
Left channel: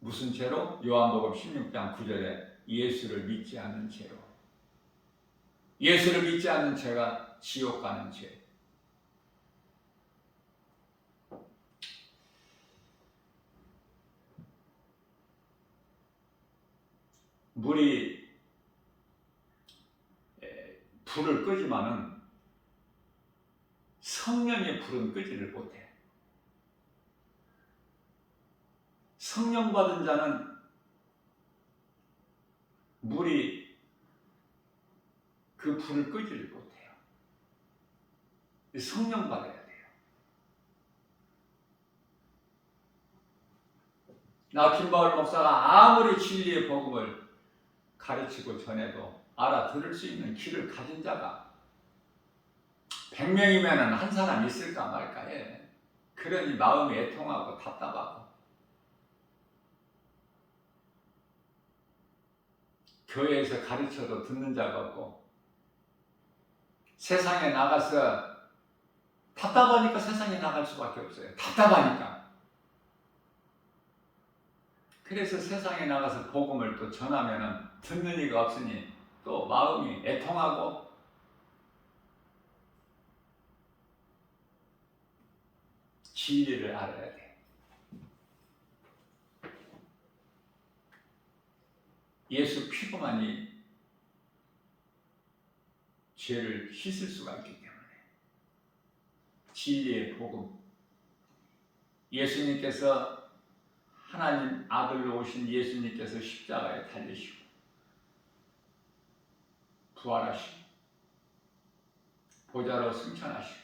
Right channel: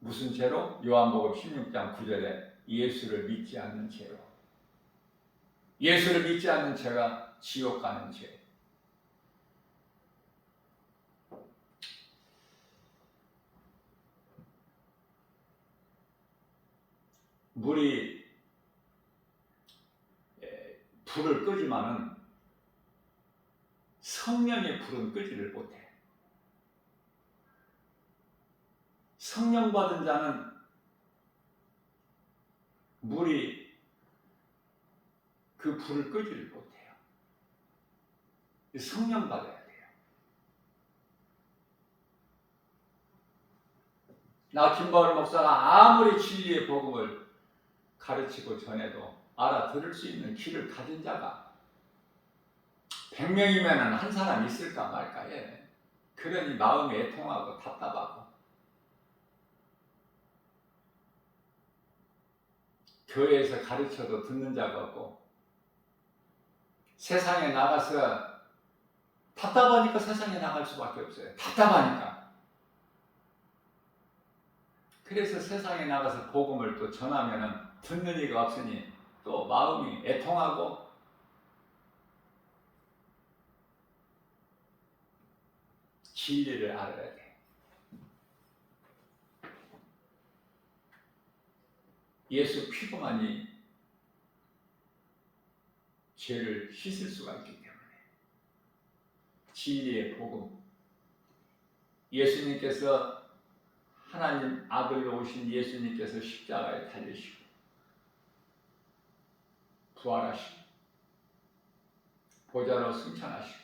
무슨 죄로? 요한복음 16장 9절에 예수를 믿지 않는 죄로. 예수를 믿지 않는 죄가 지옥 가는 죄. 물이 불을 끄지만은 성령의 불은 끄지를 못해. 성령 받은 자는 물이 그 불을 끄지를 못해요. 성령 받아야 돼요. 나 김바울 목사가 아무리 진리의 복음을 가르치고 전해도 알아들을 수 있는 귀를 가진 자가 100명이면 한 사람 있을까 말까 해. 그러니 마음이 애통하고 답답하고 교회에서 가르쳐도 듣는 자가 없고 세상에 나가서 답답하니까 세상에 나갈 수밖에 없어요. 답답하니까. 그래서 세상에 나가서 복음을 또 전하면 듣는 이가 없으니 또 마음이 애통하고 진리를 알아야 돼. 예수 피부만이 죄를 씻을 수가 있기 때문에 진리의 복음, 예수님께서 하나님 아들로 오신 예수님께서 십자가에 달리시고 부활하시고 보좌로 승천하시고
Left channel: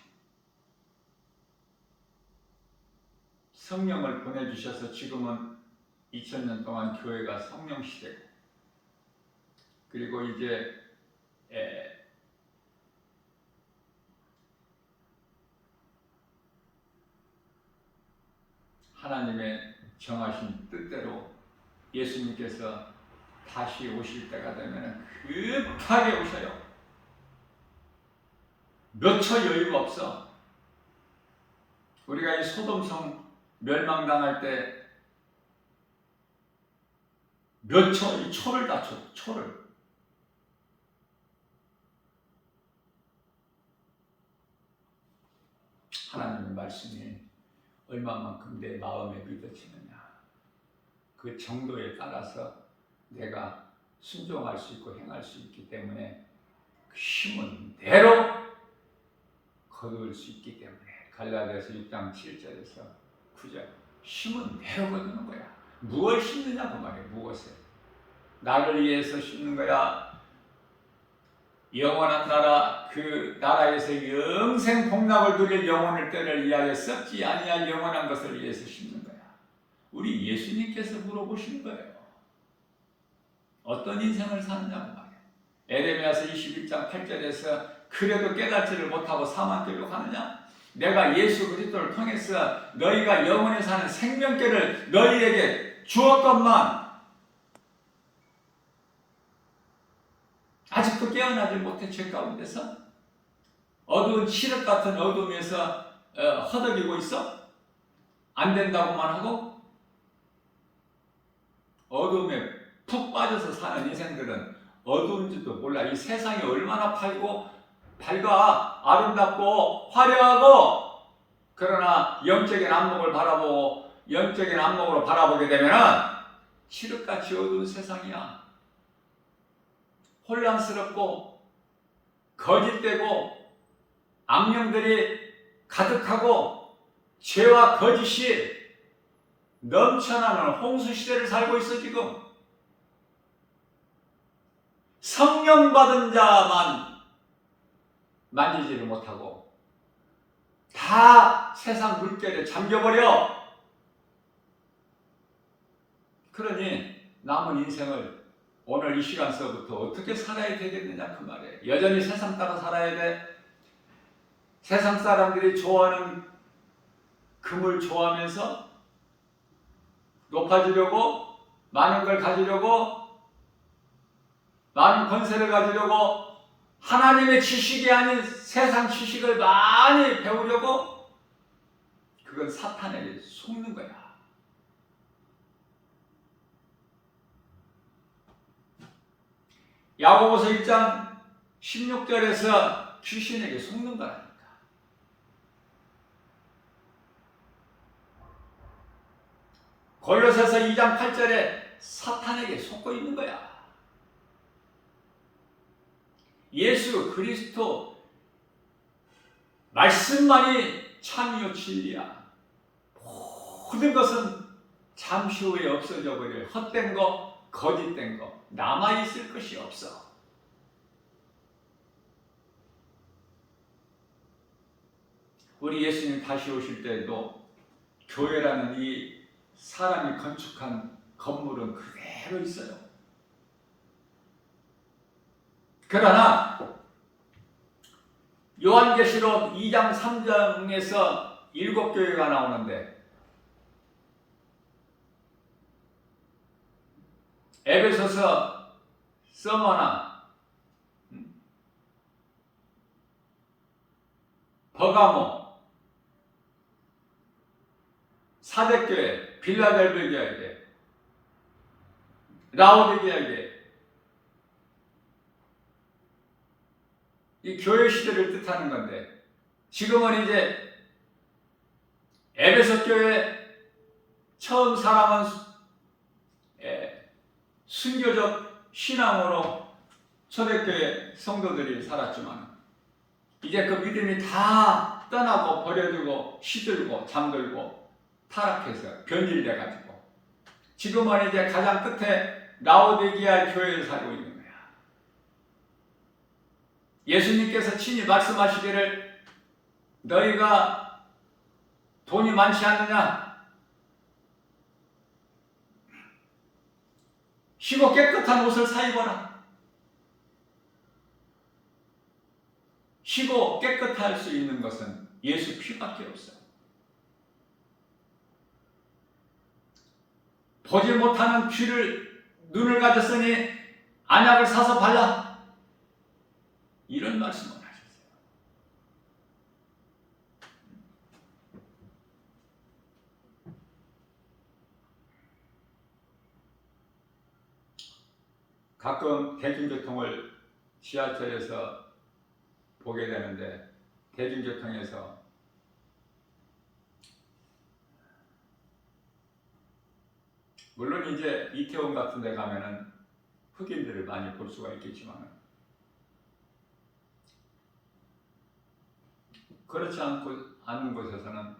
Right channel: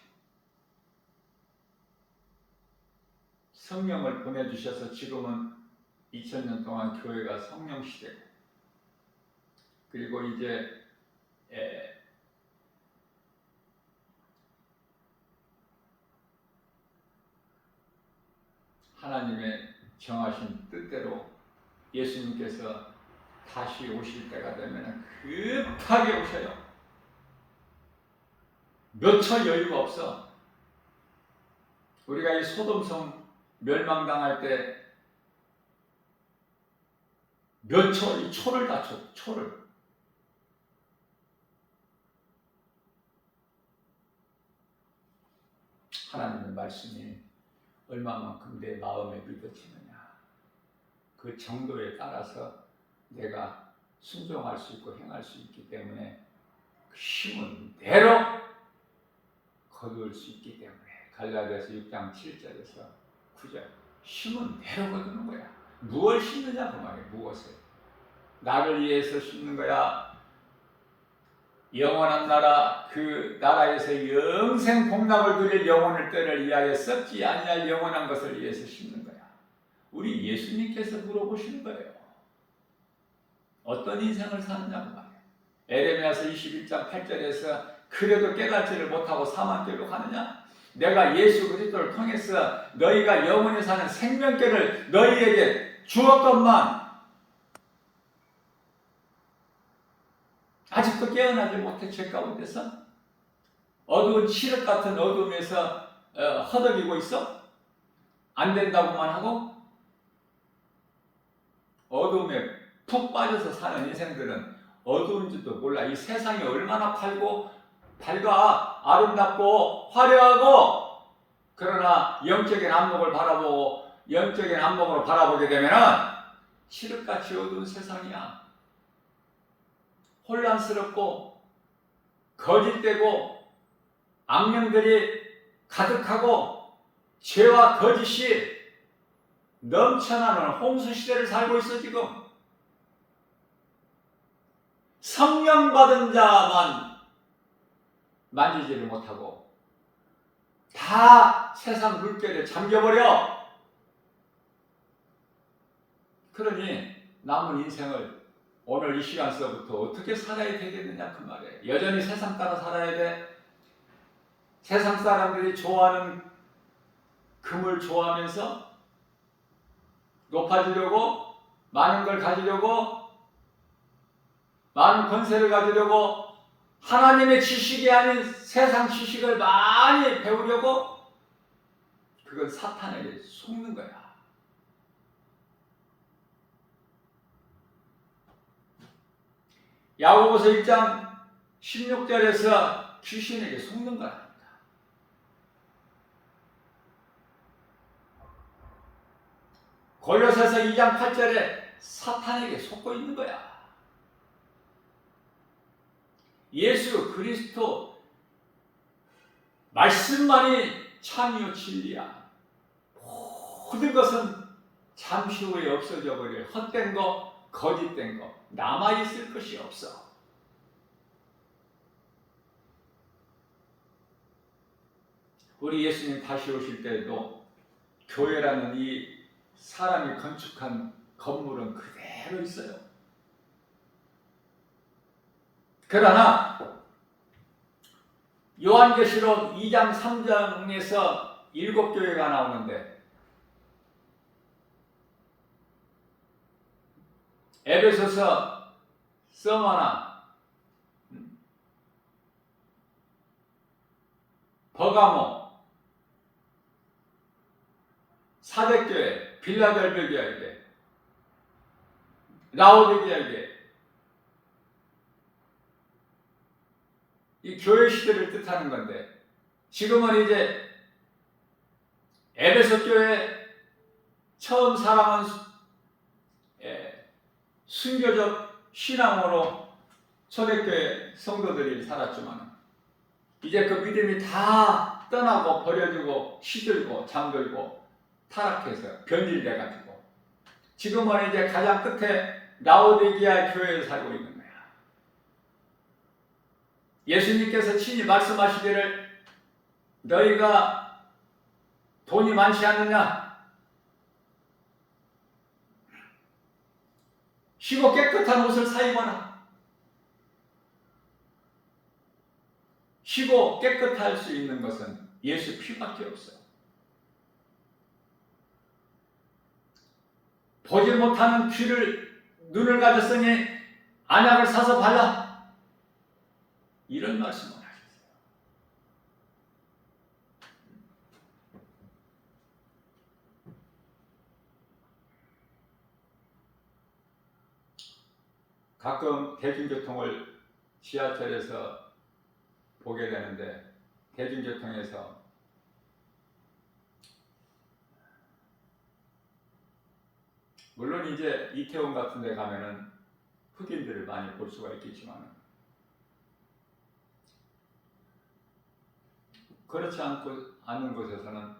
성령을 보내주셔서 지금은 2000년 동안 교회가 성령 시대고 그리고 이제 하나님의 정하신 뜻대로 예수님께서 다시 오실 때가 되면 급하게 오셔요. 몇 초 여유가 없어. 우리가 이 소돔성 멸망당할 때 몇 초, 이 초를 다 줘, 초를. 하나님의 말씀이 얼마만큼 내 마음에 믿어지느냐. 그 정도에 따라서 내가 순종할 수 있고 행할 수 있기 때문에 그 힘은 대로 거둘 수 있기 때문에 갈라디아서 6장 7절에서 9절 힘은 대로 거두는 거야. 무엇을 심느냐 그 말이야. 무엇을. 나를 위해서 심는 거야. 영원한 나라, 그 나라에서 영생 복락을 누릴 영혼을 때를 위하여 썩지 아니할 영원한 것을 위해서 심는 거야. 우리 예수님께서 물어보시는 거예요. 어떤 인생을 사느냐고 말이야. 에레미야서 21장 8절에서 그래도 깨닫지를 못하고 사망길로 가느냐? 내가 예수 그리스도를 통해서 너희가 영원히 사는 생명길을 너희에게 주었건만 아직도 깨어나지 못해 죄 가운데서 어두운 칠흑 같은 어둠에서 허덕이고 있어? 안 된다고만 하고 어둠에 푹 빠져서 사는 인생들은 어두운지도 몰라. 이 세상이 얼마나 밝아 아름답고 화려하고 그러나 영적인 안목을 바라보고 영적인 안목으로 바라보게 되면은 칠흑같이 어두운 세상이야. 혼란스럽고 거짓되고 악령들이 가득하고 죄와 거짓이 넘쳐나는 홍수 시대를 살고 있어. 지금 성령 받은 자만 만지지를 못하고 다 세상 물결에 잠겨버려. 그러니 남은 인생을 오늘 이 시간서부터 어떻게 살아야 되겠느냐 그 말이에요. 여전히 세상 따라 살아야 돼. 세상 사람들이 좋아하는 금을 좋아하면서 높아지려고, 많은 걸 가지려고, 많은 권세를 가지려고, 하나님의 지식이 아닌 세상 지식을 많이 배우려고, 그건 사탄에게 속는 거야. 야고보서 1장 16절에서 귀신에게 속는 거라니까. 골로새서 2장 8절에 사탄에게 속고 있는 거야. 예수 그리스도 말씀만이 참이요 진리야. 모든 것은 잠시 후에 없어져 버릴 헛된 거, 거짓된 거, 남아있을 것이 없어. 우리 예수님 다시 오실 때에도 교회라는 이 사람이 건축한 건물은 그대로 있어요. 그러나 요한계시록 2장 3장에서 7교회가 나오는데 에베소서, 서머나, 버가모, 사대교회, 빌라델비아에게, 라오디게에게 이 교회 시대를 뜻하는 건데 지금은 이제 에베소 교회 처음 사람은 순교적 신앙으로 초대교회 성도들이 살았지만 이제 그 믿음이 다 떠나고 버려지고 시들고 잠들고 타락해서 변질돼 가지고 지금은 이제 가장 끝에 라오디게아 교회에 살고 있는 거야. 예수님께서 친히 말씀하시기를 너희가 돈이 많지 않느냐? 쉬고 깨끗한 옷을 사입어라. 쉬고 깨끗할 수 있는 것은 예수 피밖에 없어. 보지 못하는 눈을 가졌으니 안약을 사서 발라. 이런 말씀을 하셨어요. 가끔 대중교통을 지하철에서 보게 되는데 대중교통에서 물론 이제 이태원 같은 데 가면은 흑인들을 많이 볼 수가 있겠지만 그렇지 않은 곳에서는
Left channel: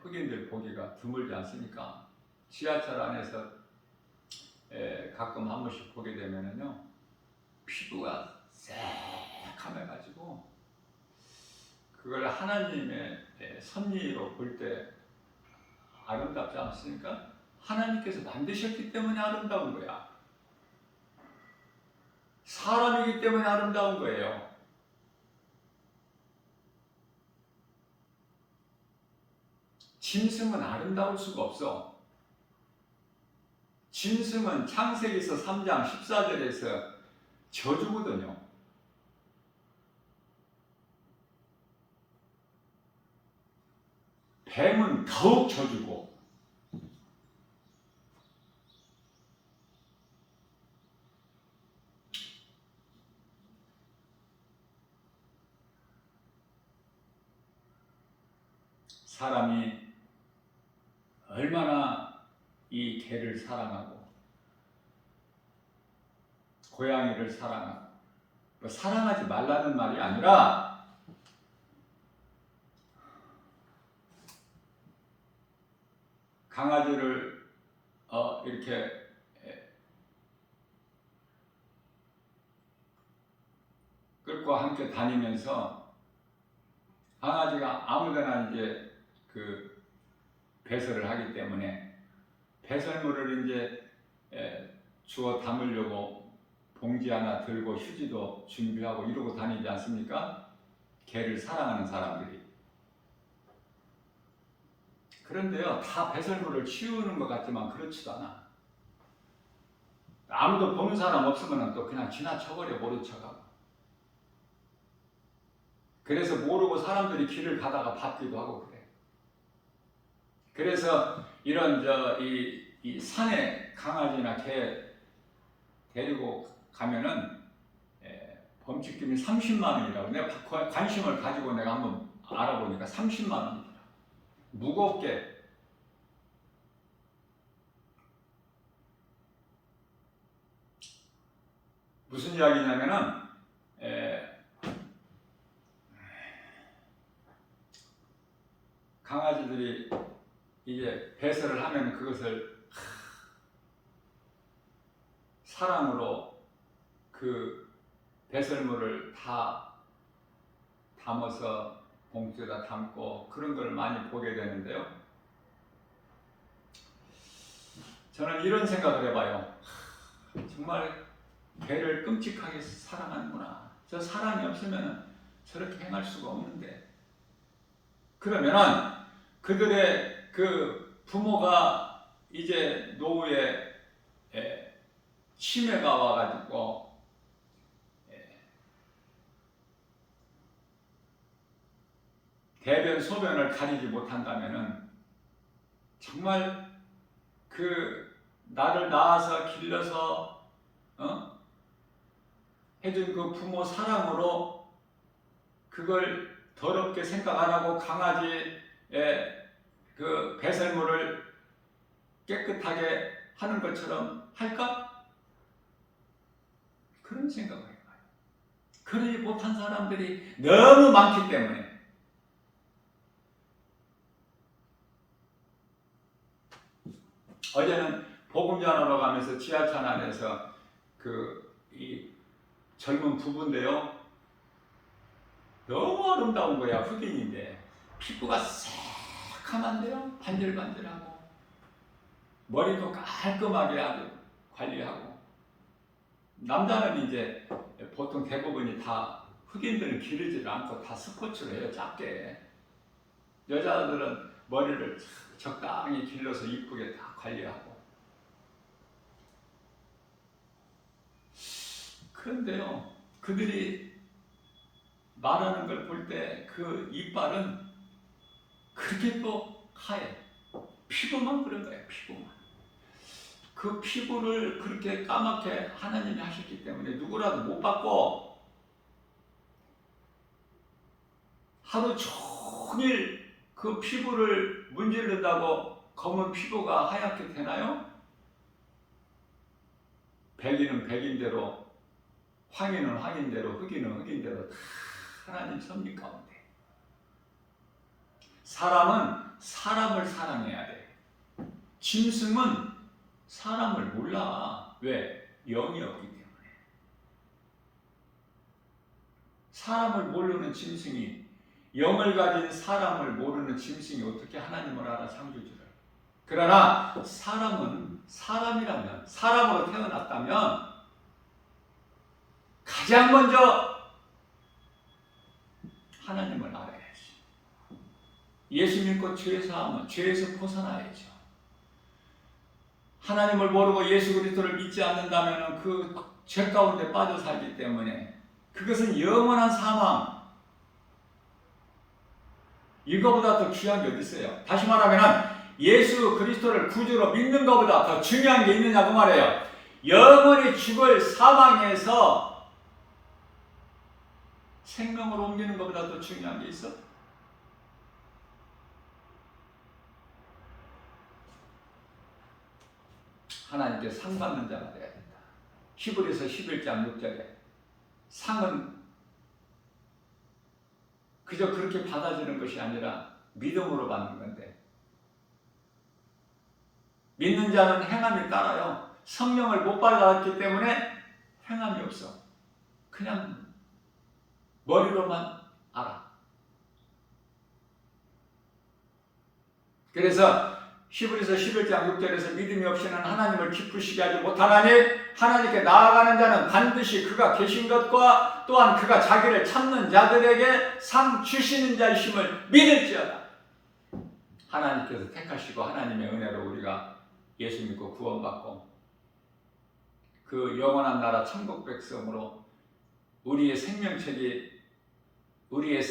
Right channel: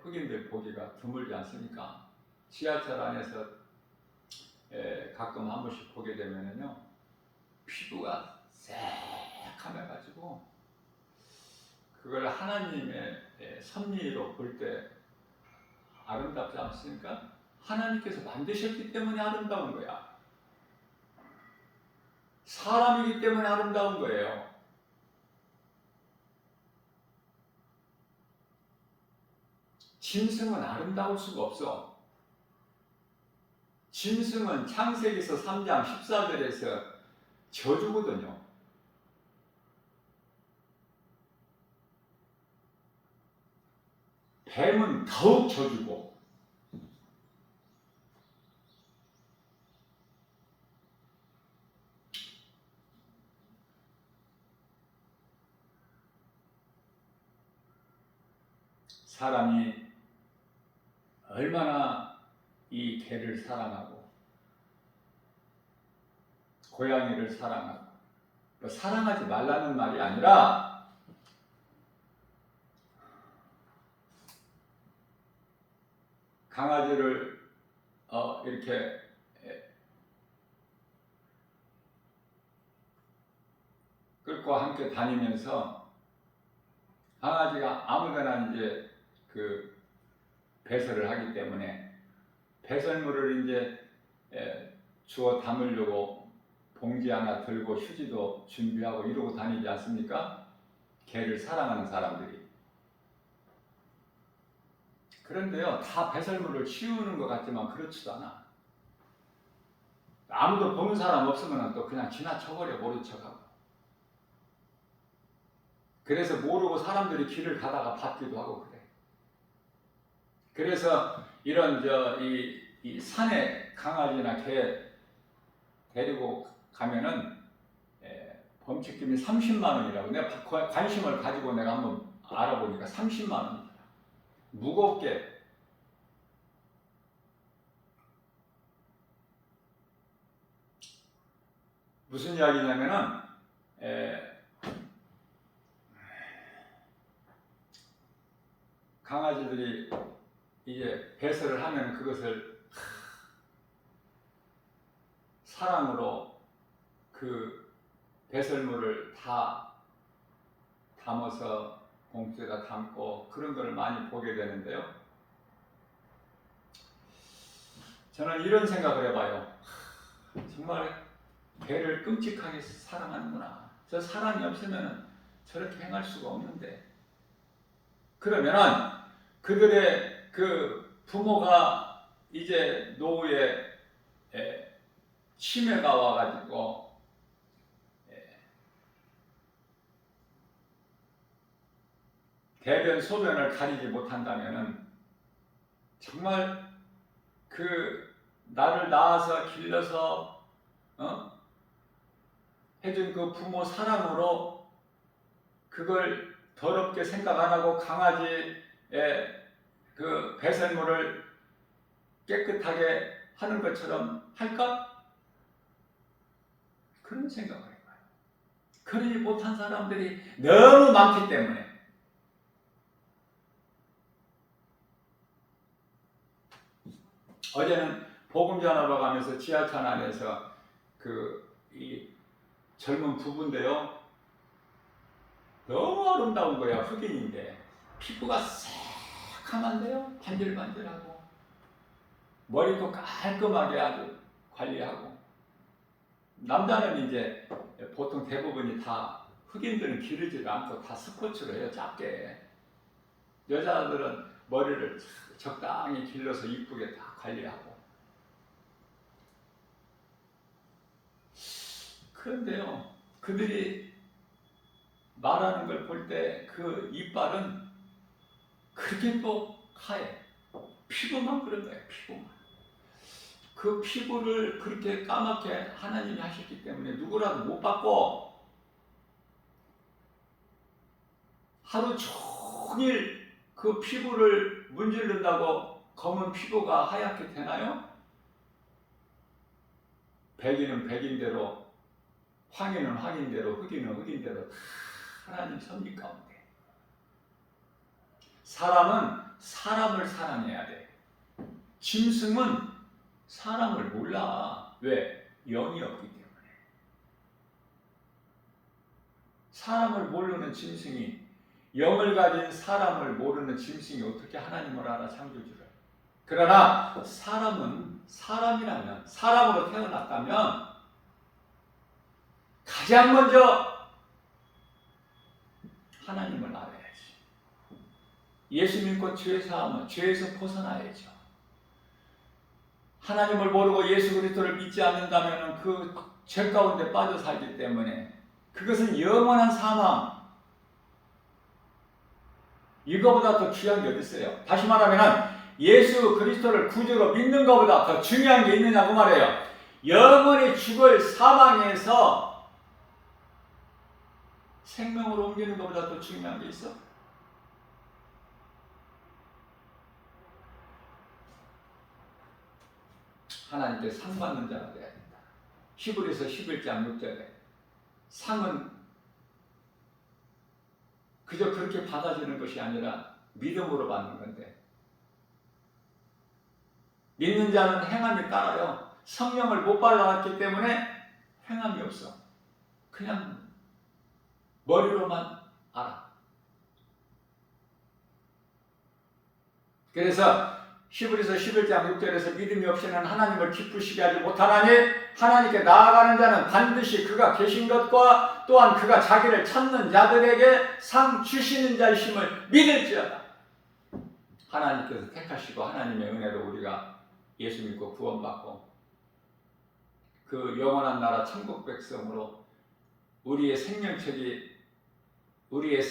흑인들 보기가 드물지 않습니까? 지하철 안에서 가끔 한 번씩 보게 되면은요 피부가 새카매가지고 그걸 하나님의 섭리로 볼 때 아름답지 않습니까? 하나님께서 만드셨기 때문에 아름다운 거야. 사람이기 때문에 아름다운 거예요. 짐승은 아름다울 수가 없어. 짐승은 창세기서 3장 14절에서 저주거든요. 뱀은 더욱 저주고 사람이 얼마나 이 개를 사랑하고 고양이를 사랑하고 사랑하지 말라는 말이 아니라 강아지를 이렇게 이것과 함께 다니면서 강아지가 아무데나 이제 그 배설을 하기 때문에 배설물을 이제 주워 담으려고 봉지 하나 들고 휴지도 준비하고 이러고 다니지 않습니까? 개를 사랑하는 사람들이. 그런데요, 다 배설물을 치우는 것 같지만 그렇지도 않아. 아무도 보는 사람 없으면 또 그냥 지나쳐버려, 모른 척하고. 그래서 모르고 사람들이 길을 가다가 받기도 하고 그래. 그래서 이런 이 산에 강아지나 개 데리고 가면은 범칙금이 30만 원이라고. 내가 관심을 가지고 내가 한번 알아보니까 30만 원이더라. 무겁게. 무슨 이야기냐면은 강아지들이 이제 배설을 하면 그것을 사랑으로 그 배설물을 다 담아서 봉투에다 담고 그런 걸 많이 보게 되는데요. 저는 이런 생각을 해봐요. 정말 개를 끔찍하게 사랑하는구나. 저 사랑이 없으면 저렇게 행할 수가 없는데. 그러면은 그들의 그 부모가 이제 노후에 치매가 와가지고 대변 소변을 가리지 못한다면은 정말 그 나를 낳아서 길러서 해준 그 부모 사랑으로 그걸 더럽게 생각 안 하고 강아지의 그 배설물을 깨끗하게 하는 것처럼 할까? 그런 생각을 해봐요. 그러지 못한 사람들이 너무 많기 때문에. 어제는 복음 전하러 가면서 지하철 안에서 이 젊은 부부인데요. 너무 아름다운 거야. 흑인인데 피부가 새카만데요. 반질반질하고 머리도 깔끔하게 아주 관리하고. 남자는 이제 보통 대부분이 다 흑인들은 기르지도 않고 다 스포츠로 해요. 짧게. 여자들은 머리를 적당히 길러서 이쁘게 다 관리하고. 그런데요, 그들이 말하는 걸 볼 때 그 이빨은 그렇게 또 하얘. 피부만 그런 거예요. 피부만. 그 피부를 그렇게 까맣게 하나님이 하셨기 때문에 누구라도 못 받고 하루 종일 그 피부를 문지른다고 검은 피부가 하얗게 되나요? 백인은 백인대로, 황인은 황인대로, 흑인은 흑인대로 하나님 섭리 가운데. 사람은 사람을 사랑해야 돼. 짐승은 사람을 몰라. 왜? 영이 없기 때문에. 사람을 모르는 짐승이, 영을 가진 사람을 모르는 짐승이 어떻게 하나님을 알아, 창조주를. 그러나 사람은 사람이라면, 사람으로 태어났다면 가장 먼저 하나님을 알아야지. 예수 믿고 죄 사함은 죄에서 벗어나야죠. 하나님을 모르고 예수 그리스도를 믿지 않는다면 그 죄 가운데 빠져 살기 때문에 그것은 영원한 사망. 이거보다 더 귀한 게 어디 있어요? 다시 말하면 예수 그리스도를 구주로 믿는 것보다 더 중요한 게 있느냐고 말해요. 영원히 죽을 사망에서 생명으로 옮기는 것보다 더 중요한 게 있어? 하나님께 상 받는 자가 되어야 된다. 히브리서 11장 6절에 상은 그저 그렇게 받아주는 것이 아니라 믿음으로 받는 건데, 믿는 자는 행함이 따라요. 성령을 못 받았기 때문에 행함이 없어. 그냥 머리로만 알아. 그래서 히브리서 11장 6절에서 믿음이 없이는 하나님을 기쁘시게 하지 못하나니 하나님께 나아가는 자는 반드시 그가 계신 것과 또한 그가 자기를 찾는 자들에게 상 주시는 자이심을 믿을지어다. 하나님께서 택하시고 하나님의 은혜로 우리가 예수 믿고 구원받고 그 영원한 나라 천국 백성으로 우리의 생명책이 우리의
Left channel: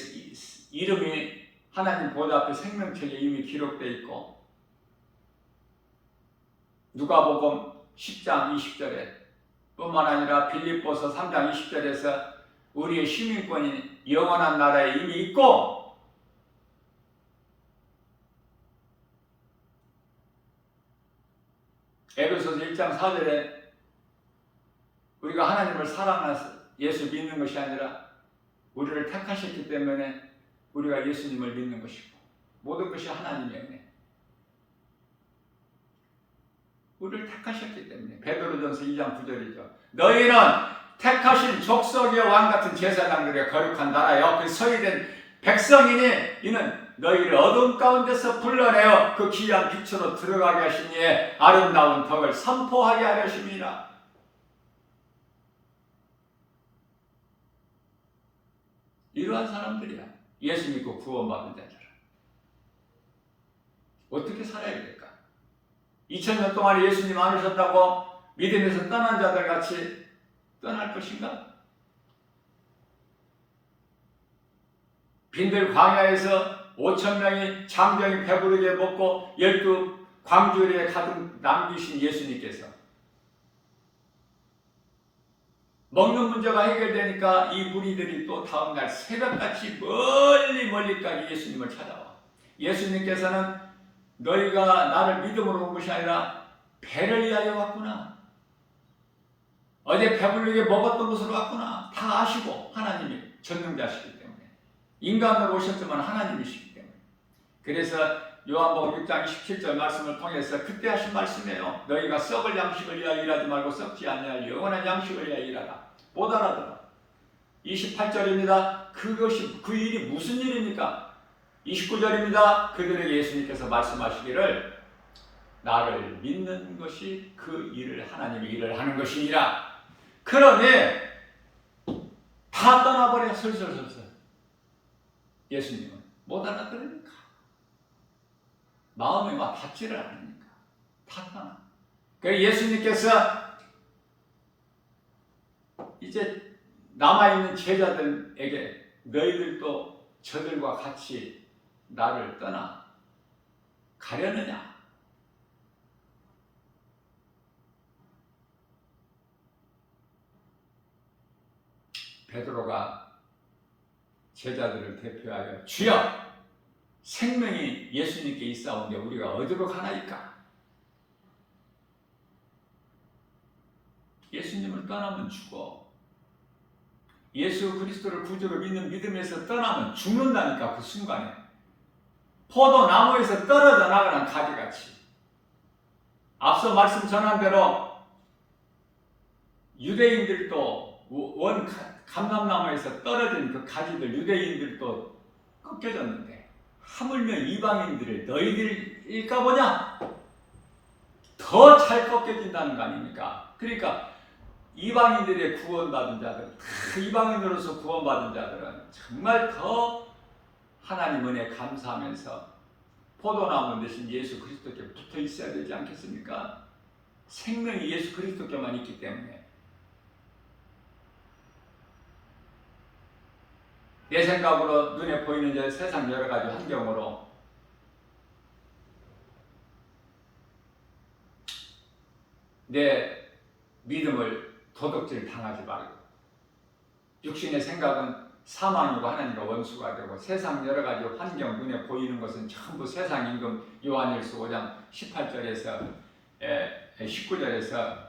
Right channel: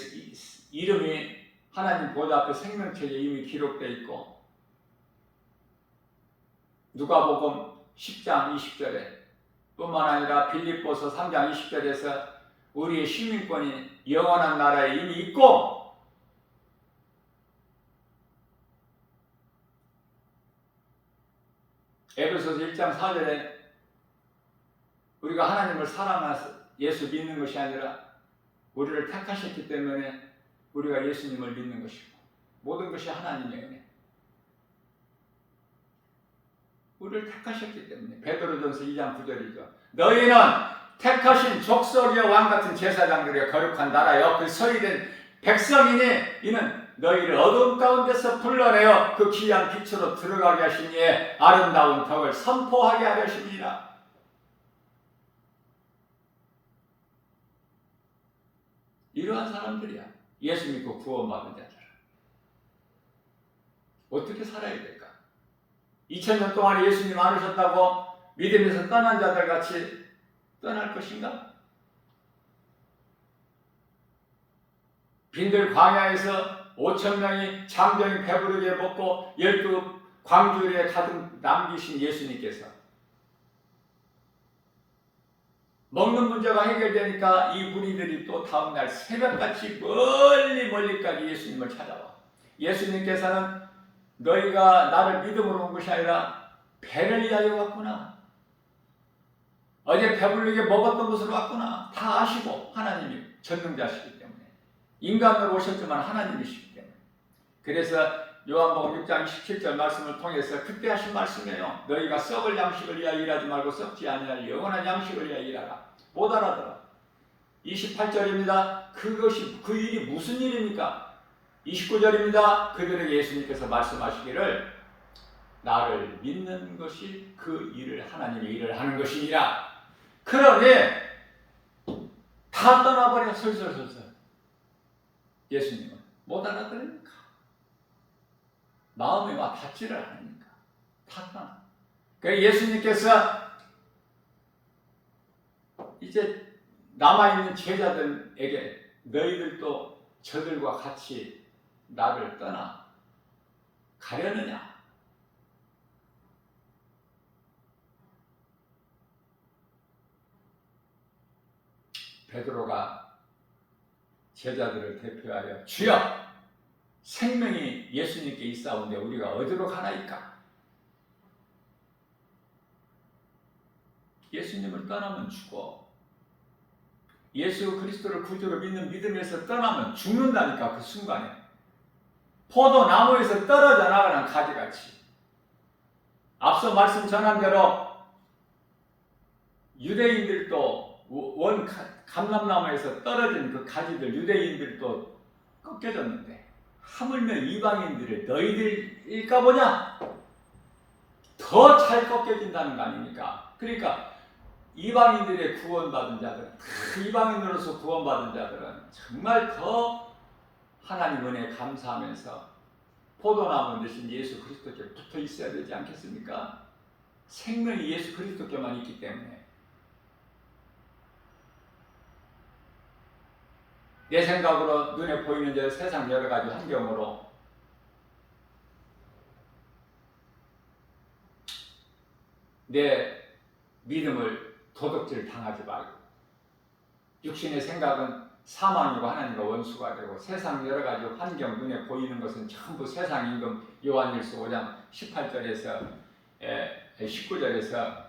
이름이 하나님 보좌 앞에 생명책에 이미 기록되어 있고 누가복음 10장 20절에 뿐만 아니라 빌립보서 3장 20절에서 우리의 시민권이 영원한 나라에 이미 있고 에베소서 1장 4절에 우리가 하나님을 사랑해서 예수 믿는 것이 아니라 우리를 택하셨기 때문에 우리가 예수님을 믿는 것이고 모든 것이 하나님의 은혜. 우리를 택하셨기 때문에 베드로전서 2장 9절이죠. 너희는 택하신 족속의 왕 같은 제사장들의 거룩한 나라여 그 서리된 백성이니 이는 너희를 어두움 가운데서 불러내어 그 귀한 빛으로 들어가게 하시니에 아름다운 덕을 선포하게 하려 하심이라. 이러한 사람들이야. 예수 믿고 구원받은 자들. 어떻게 살아야 될까? 2000년 동안에 예수님 안으셨다고 믿음에서 떠난 자들 같이 떠날 것인가? 빈들 광야에서 5,000명이 장정이 배부르게 먹고 12 광주리에 가득 남기신 예수님께서 먹는 문제가 해결되니까 이 무리들이 또 다음날 새벽같이 멀리까지 예수님을 찾아와. 예수님께서는 너희가 나를 믿음으로 온 것이 아니라 배를 위하여 왔구나. 어제 배부르게 먹었던 것으로 왔구나. 다 아시고 하나님이 전능자시기 때문에 인간으로 오셨지만 하나님이시기 때문에 그래서 요한복음 6장 27절 말씀을 통해서 그때 하신 말씀이에요. 너희가 썩을 양식을 위하여 일하지 말고 썩지 아니할 영원한 양식을 위하여 일하라. 못 알아들어. 28절입니다. 그것이 그 일이 무슨 일입니까? 29절입니다. 그들에게 예수님께서 말씀하시기를 나를 믿는 것이 그 일을 하나님의 일을 하는 것이니라. 그러니 다 떠나버려. 설설설설. 예수님은 못 알아들으니까 마음이 막 닿지를 않으니까 다 떠나. 그래서 예수님께서 이제 남아있는 제자들에게 너희들도 저들과 같이 나를 떠나 가려느냐? 베드로가 제자들을 대표하여 주여 생명이 예수님께 있사온데 우리가 어디로 가나이까? 예수님을 떠나면 죽어. 예수 그리스도를 구주로 믿는 믿음에서 떠나면 죽는다니까. 그 순간에 포도나무에서 떨어져 나가는 가지같이. 앞서 말씀 전한 대로 유대인들도 원 감람나무에서 떨어진 그 가지들 유대인들도 꺾여졌는데 하물며 이방인들을 너희들일까 보냐? 더 잘 꺾여진다는 거 아닙니까? 그러니까 이방인들의 구원받은 자들, 이방인으로서 구원받은 자들은 정말 더 하나님 은혜에 감사하면서 포도나무 대신 예수 그리스도께 붙어 있어야 되지 않겠습니까? 생명이 예수 그리스도께만 있기 때문에. 내 생각으로 눈에 보이는 저 세상 여러 가지 환경으로 내 믿음을 도둑질 당하지 말고 육신의 생각은 사망이고 하나님과 원수가 되고 세상 여러 가지 환경 눈에 보이는 것은 전부 세상 임금 요한일서 5장 18절에서 19절에서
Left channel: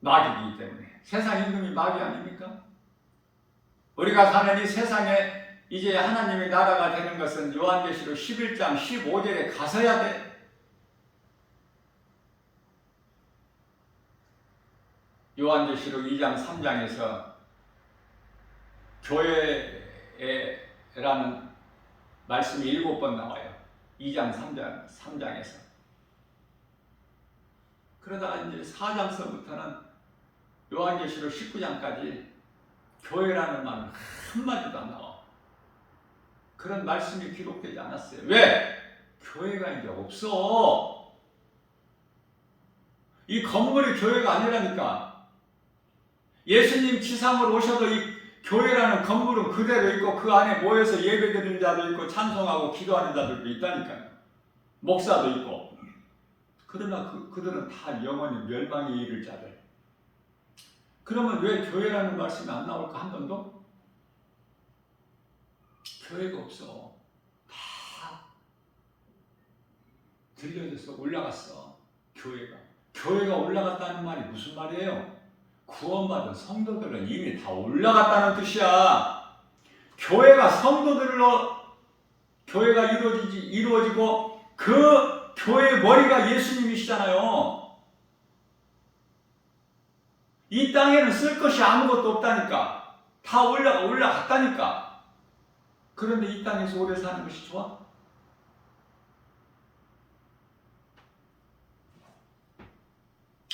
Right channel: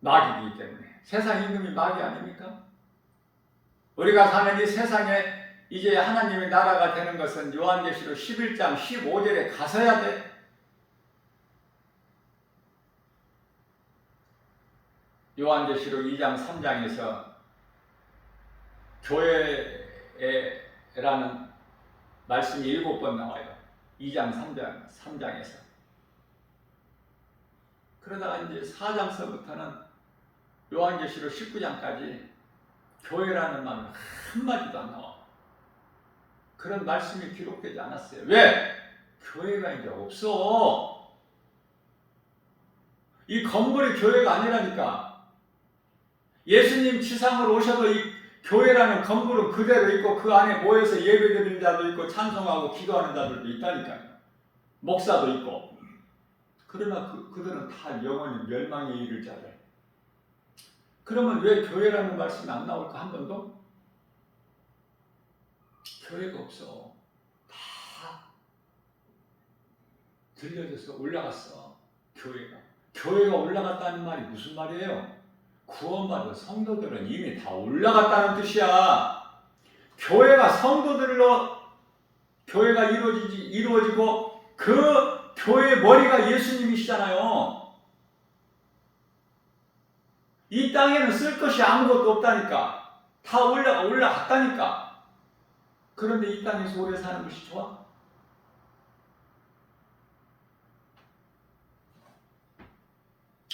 마귀이기 때문에 세상 임금이 마귀 아닙니까? 우리가 사는 이 세상에 이제 하나님의 나라가 되는 것은 요한계시록 11장 15절에 가서야 돼. 요한계시록 2장 3장에서 교회라는 말씀이 7번 나와요. 2장 3장에서. 그러다가 이제 4장서부터는 요한계시록 19장까지 교회라는 말은 한마디도 안 나와. 그런 말씀이 기록되지 않았어요. 왜? 교회가 이제 없어. 이 건물이 교회가 아니라니까. 예수님 지상으로 오셔도 이 교회라는 건물은 그대로 있고 그 안에 모여서 예배드리는 자도 있고 찬송하고 기도하는 자들도 있다니까요. 목사도 있고. 그러나 그들은 다 영원히 멸망에 이를 자들. 그러면 왜 교회라는 말씀이 안 나올까 한 번도? 교회가 없어. 다 들려져서 올라갔어. 교회가 올라갔다는 말이 무슨 말이에요? 구원받은 성도들은 이미 다 올라갔다는 뜻이야. 교회가 성도들로 교회가 이루어지고 그 교회의 머리가 예수님이시잖아요. 이 땅에는 쓸 것이 아무것도 없다니까. 다 올라갔다니까. 그런데 이 땅에서 오래 사는 것이 좋아?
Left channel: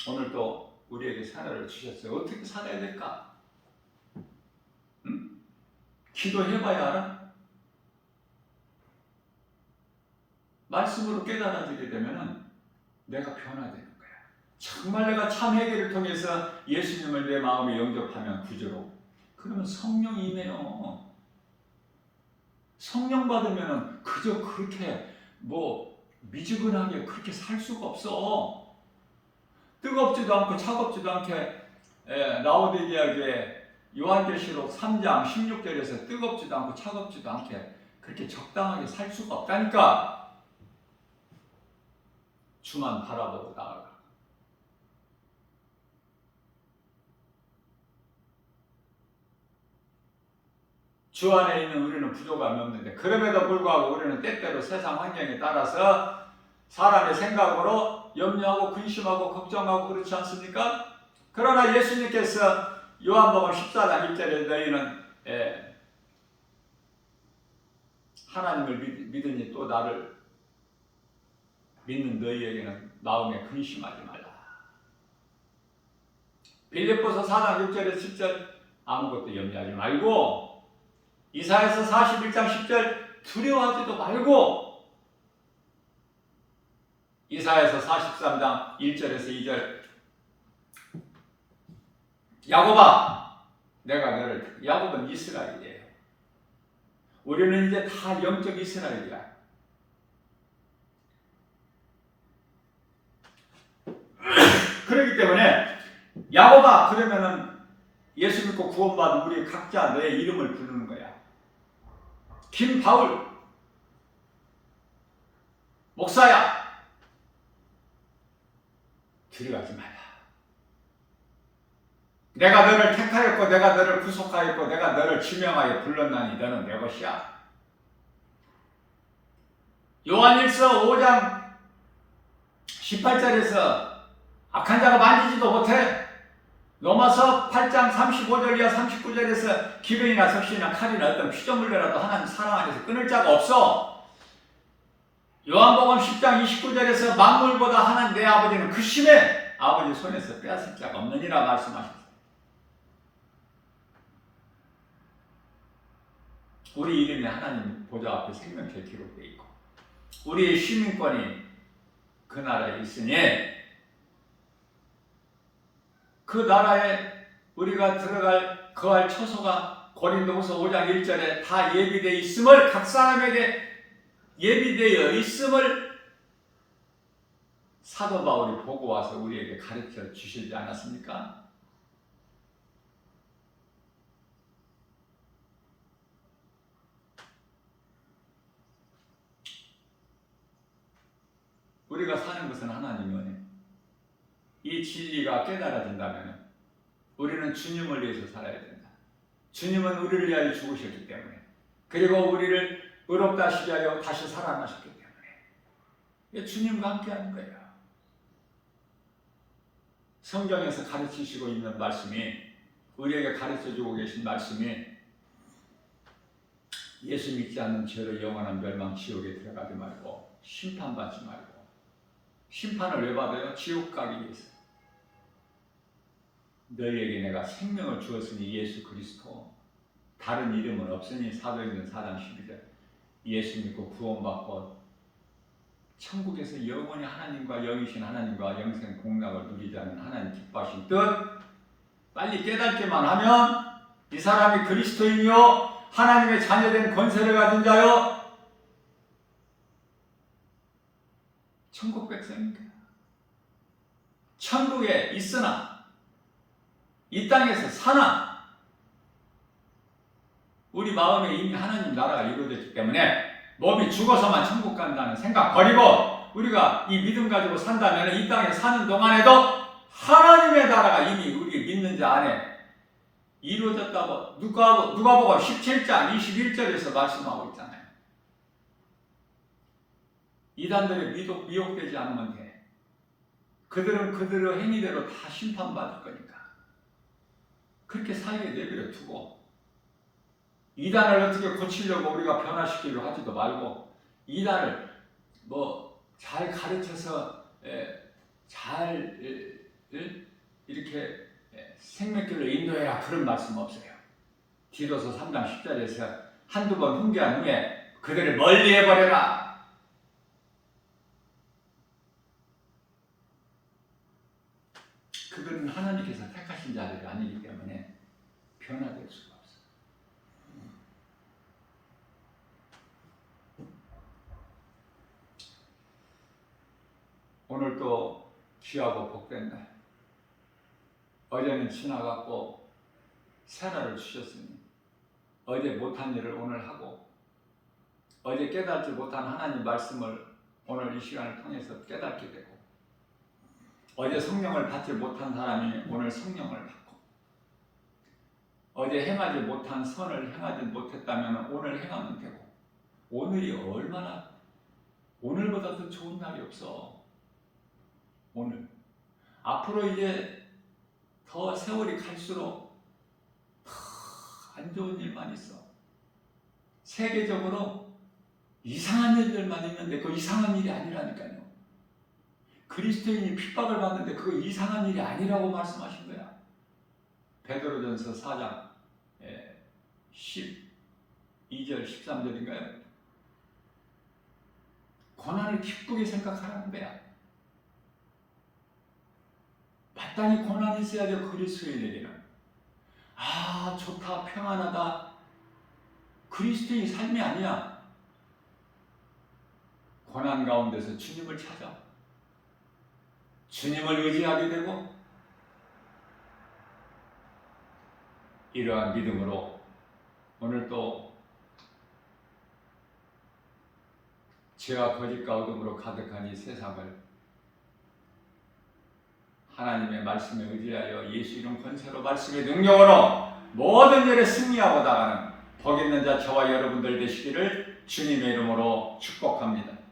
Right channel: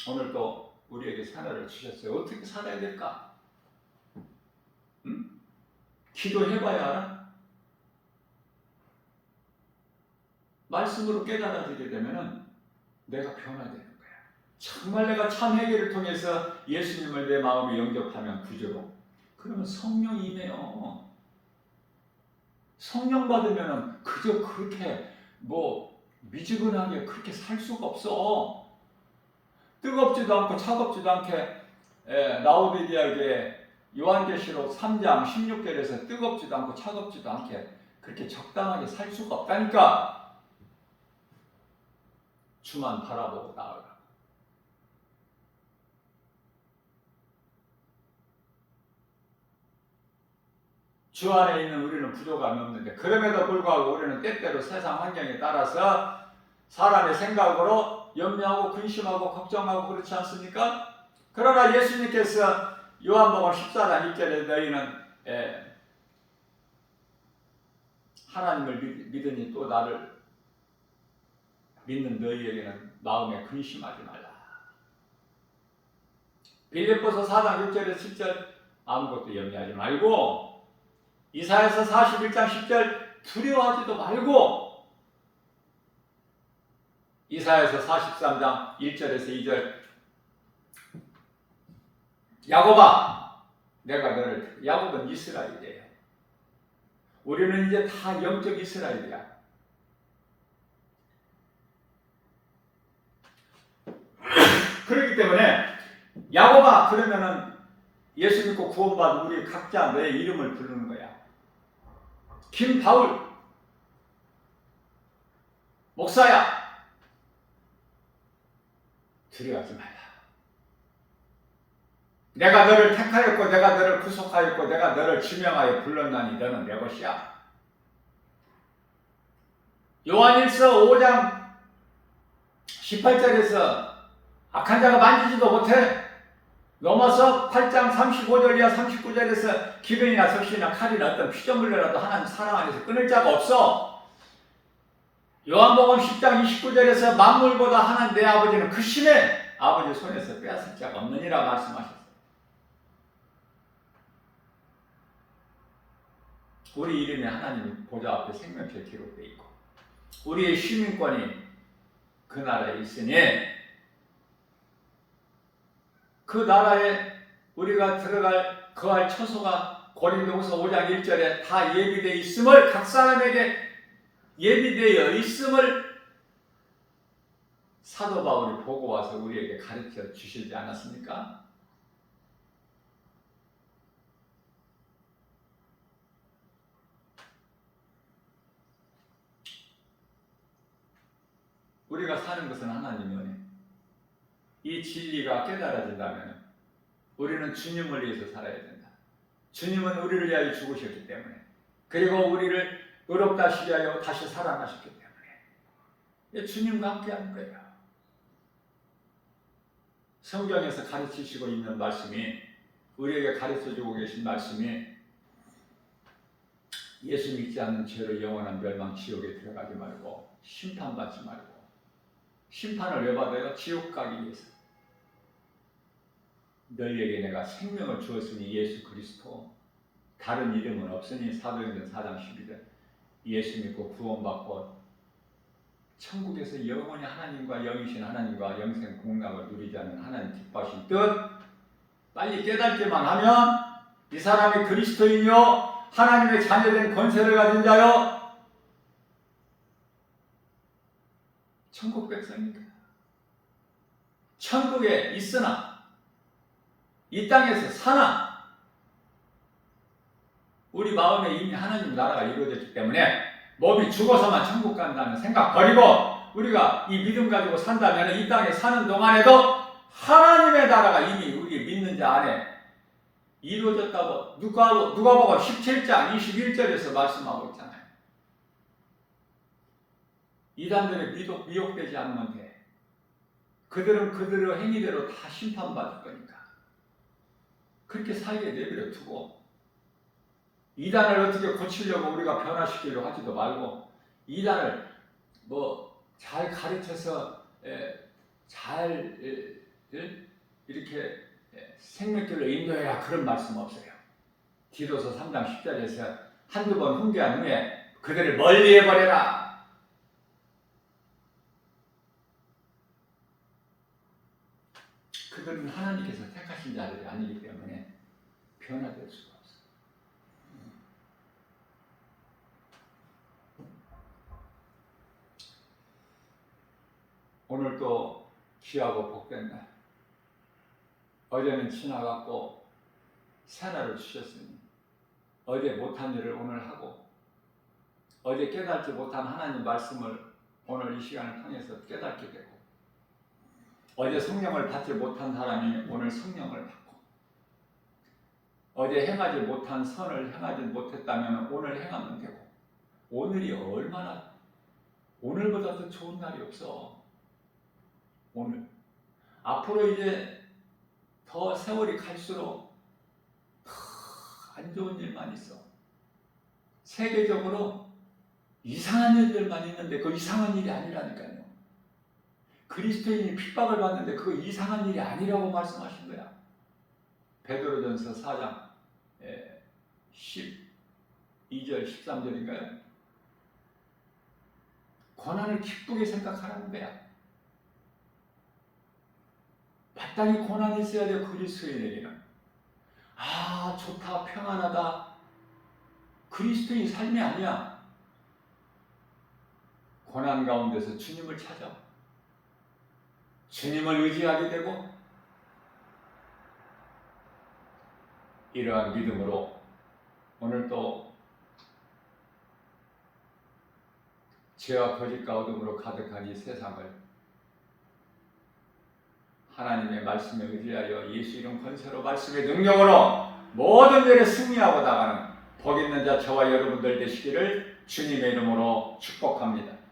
오늘 또 우리에게 사례를 주셨어요. 어떻게 살아야 될까? 응? 기도해봐야 알아? 말씀으로 깨달아지게 되면 내가 변화되는 거야. 정말 내가 참 회개를 통해서 예수님을 내 마음에 영접하면 구주로. 그러면 성령이 임해요. 성령 받으면 그저 그렇게 미지근하게 그렇게 살 수가 없어. 뜨겁지도 않고 차갑지도 않게 라오디게아 교회 요한계시록 3장 16절에서 뜨겁지도 않고 차갑지도 않게 그렇게 적당하게 살 수가 없다니까. 주만 바라보고 나아가. 주 안에 있는 우리는 부족함이 없는데 그럼에도 불구하고 우리는 때때로 세상 환경에 따라서 사람의 생각으로 염려하고 근심하고 걱정하고 그렇지 않습니까? 그러나 예수님께서 요한복음 14장 1절에 너희는 하나님을 믿으니 또 나를 믿는 너희에게는 마음에 근심하지 말라. 빌립보서 4장 6절에 7절 아무것도 염려하지 말고 이사야서 41장 10절 두려워하지도 말고 이사야서 43장 1절에서 2절 야곱아 내가 너를 야곱은 이스라엘이에요. 우리는 이제 다 영적 이스라엘이야. 그렇기 때문에 야곱아 그러면은 예수 믿고 구원받은 우리 각자 내 이름을 부르는 거야. 김바울 목사야 두려워하지 말라. 내가 너를 택하였고 내가 너를 구속하였고 내가 너를 지명하여 불렀나니 너는 내 것이야. 요한일서 5장 18절에서 악한 자가 만지지도 못해. 로마서 8장 35절 이하 39절에서 기근이나 섭씨나 칼이나 어떤 피조물이라도 하나님 사랑 안에서 끊을 자가 없어. 요한복음 10장 29절에서 만물보다 하나님 내 아버지는 그 심해 아버지 손에서 빼앗을 자가 없느니라 말씀하셨어요. 우리 이름이 하나님 보좌 앞에 생명표에 기록되어 있고 우리의 시민권이 그 나라에 있으니 그 나라에 우리가 거할 처소가 고린도후서 5장 1절에 다 예비되어 있음을 각 사람에게 예비되어 있음을 사도 바울이 보고 와서 우리에게 가르쳐 주시지 않았습니까? 우리가 사는 것은 하나님의 은혜. 이 진리가 깨달아진다면 우리는 주님을 위해서 살아야 된다. 주님은 우리를 위하여 죽으셨기 때문에 그리고 우리를 의롭다 하시기 위하여 다시 살아나셨기 때문에 주님과 함께 하는 거예요. 성경에서 가르치시고 있는 말씀이, 우리에게 가르쳐주고 계신 말씀이, 예수 믿지 않는 죄로 영원한 멸망 지옥에 들어가지 말고 심판받지 말고. 심판을 왜 받아요? 지옥 가기 위해서. 너희에게 내가 생명을 주었으니 예수 그리스도, 다른 이름은 없으니 사도행전 4장 12절. 예수 믿고 구원받고 천국에서 영원히 하나님과 영이신 하나님과 영생 복락을 누리자는 하나님 기뻐하신 뜻, 빨리 깨닫기만 하면 이 사람이 그리스도인이요 하나님의 자녀된 권세를 가진 자요 천국 백성입니다. 천국에 있으나 이 땅에서 사나 우리 마음에 이미 하나님 나라가 이루어졌기 때문에 몸이 죽어서만 천국 간다는 생각 버리고 우리가 이 믿음 가지고 산다면 이 땅에 사는 동안에도 하나님의 나라가 이미 우리 믿는 자 안에 이루어졌다고 누가복음 17장 21절에서 말씀하고 있잖아요. 이단들의 미혹되지 않으면 돼. 그들은 그들의 행위대로 다 심판받을 거니까. 그렇게 살게 내버려 두고 이단을 어떻게 고치려고 우리가 변화시키려고 하지도 말고 이단을 잘 가르쳐서 잘 이렇게 생명길로 인도해야 그런 말씀 없어요. 디도서 3장 10절에서 한두 번 훈계한 후에 그들을 멀리 해버려라. 그들은 하나님께서 택하신 자들이 아니기 때문에 변화될 수가 없어요. 오늘 또 귀하고 복된 날. 어제는 지나갔고 새날을 주셨으니 어제 못한 일을 오늘 하고 어제 깨닫지 못한 하나님 말씀을 오늘 이 시간을 통해서 깨닫게 되고 어제 성령을 받지 못한 사람이 오늘 성령을 받고 어제 행하지 못한 선을 행하지 못했다면 오늘 행하면 되고 오늘이 얼마나 오늘보다 더 좋은 날이 없어. 오늘 앞으로 이제 더 세월이 갈수록 안 좋은 일만 있어. 세계적으로 이상한 일들만 있는데 그 이상한 일이 아니라니까요. 그리스도인이 핍박을 받는데 그거 이상한 일이 아니라고 말씀하신 거야. 베드로전서 4장 12절 13절인가요? 고난을 기쁘게 생각하라는 거야. 마땅히 고난이 있어야 돼. 그리스도인에게는 좋다 평안하다 그리스도인 삶이 아니야. 고난 가운데서 주님을 찾아 주님을 의지하게 되고 이러한 믿음으로 오늘 또 죄와 거짓과 어둠으로 가득한 이 세상을 하나님의 말씀에 의지하여 예수 이름 권세로 말씀의 능력으로 모든 일에 승리하고 나가는 복 있는 자 저와 여러분들 되시기를 주님의 이름으로 축복합니다.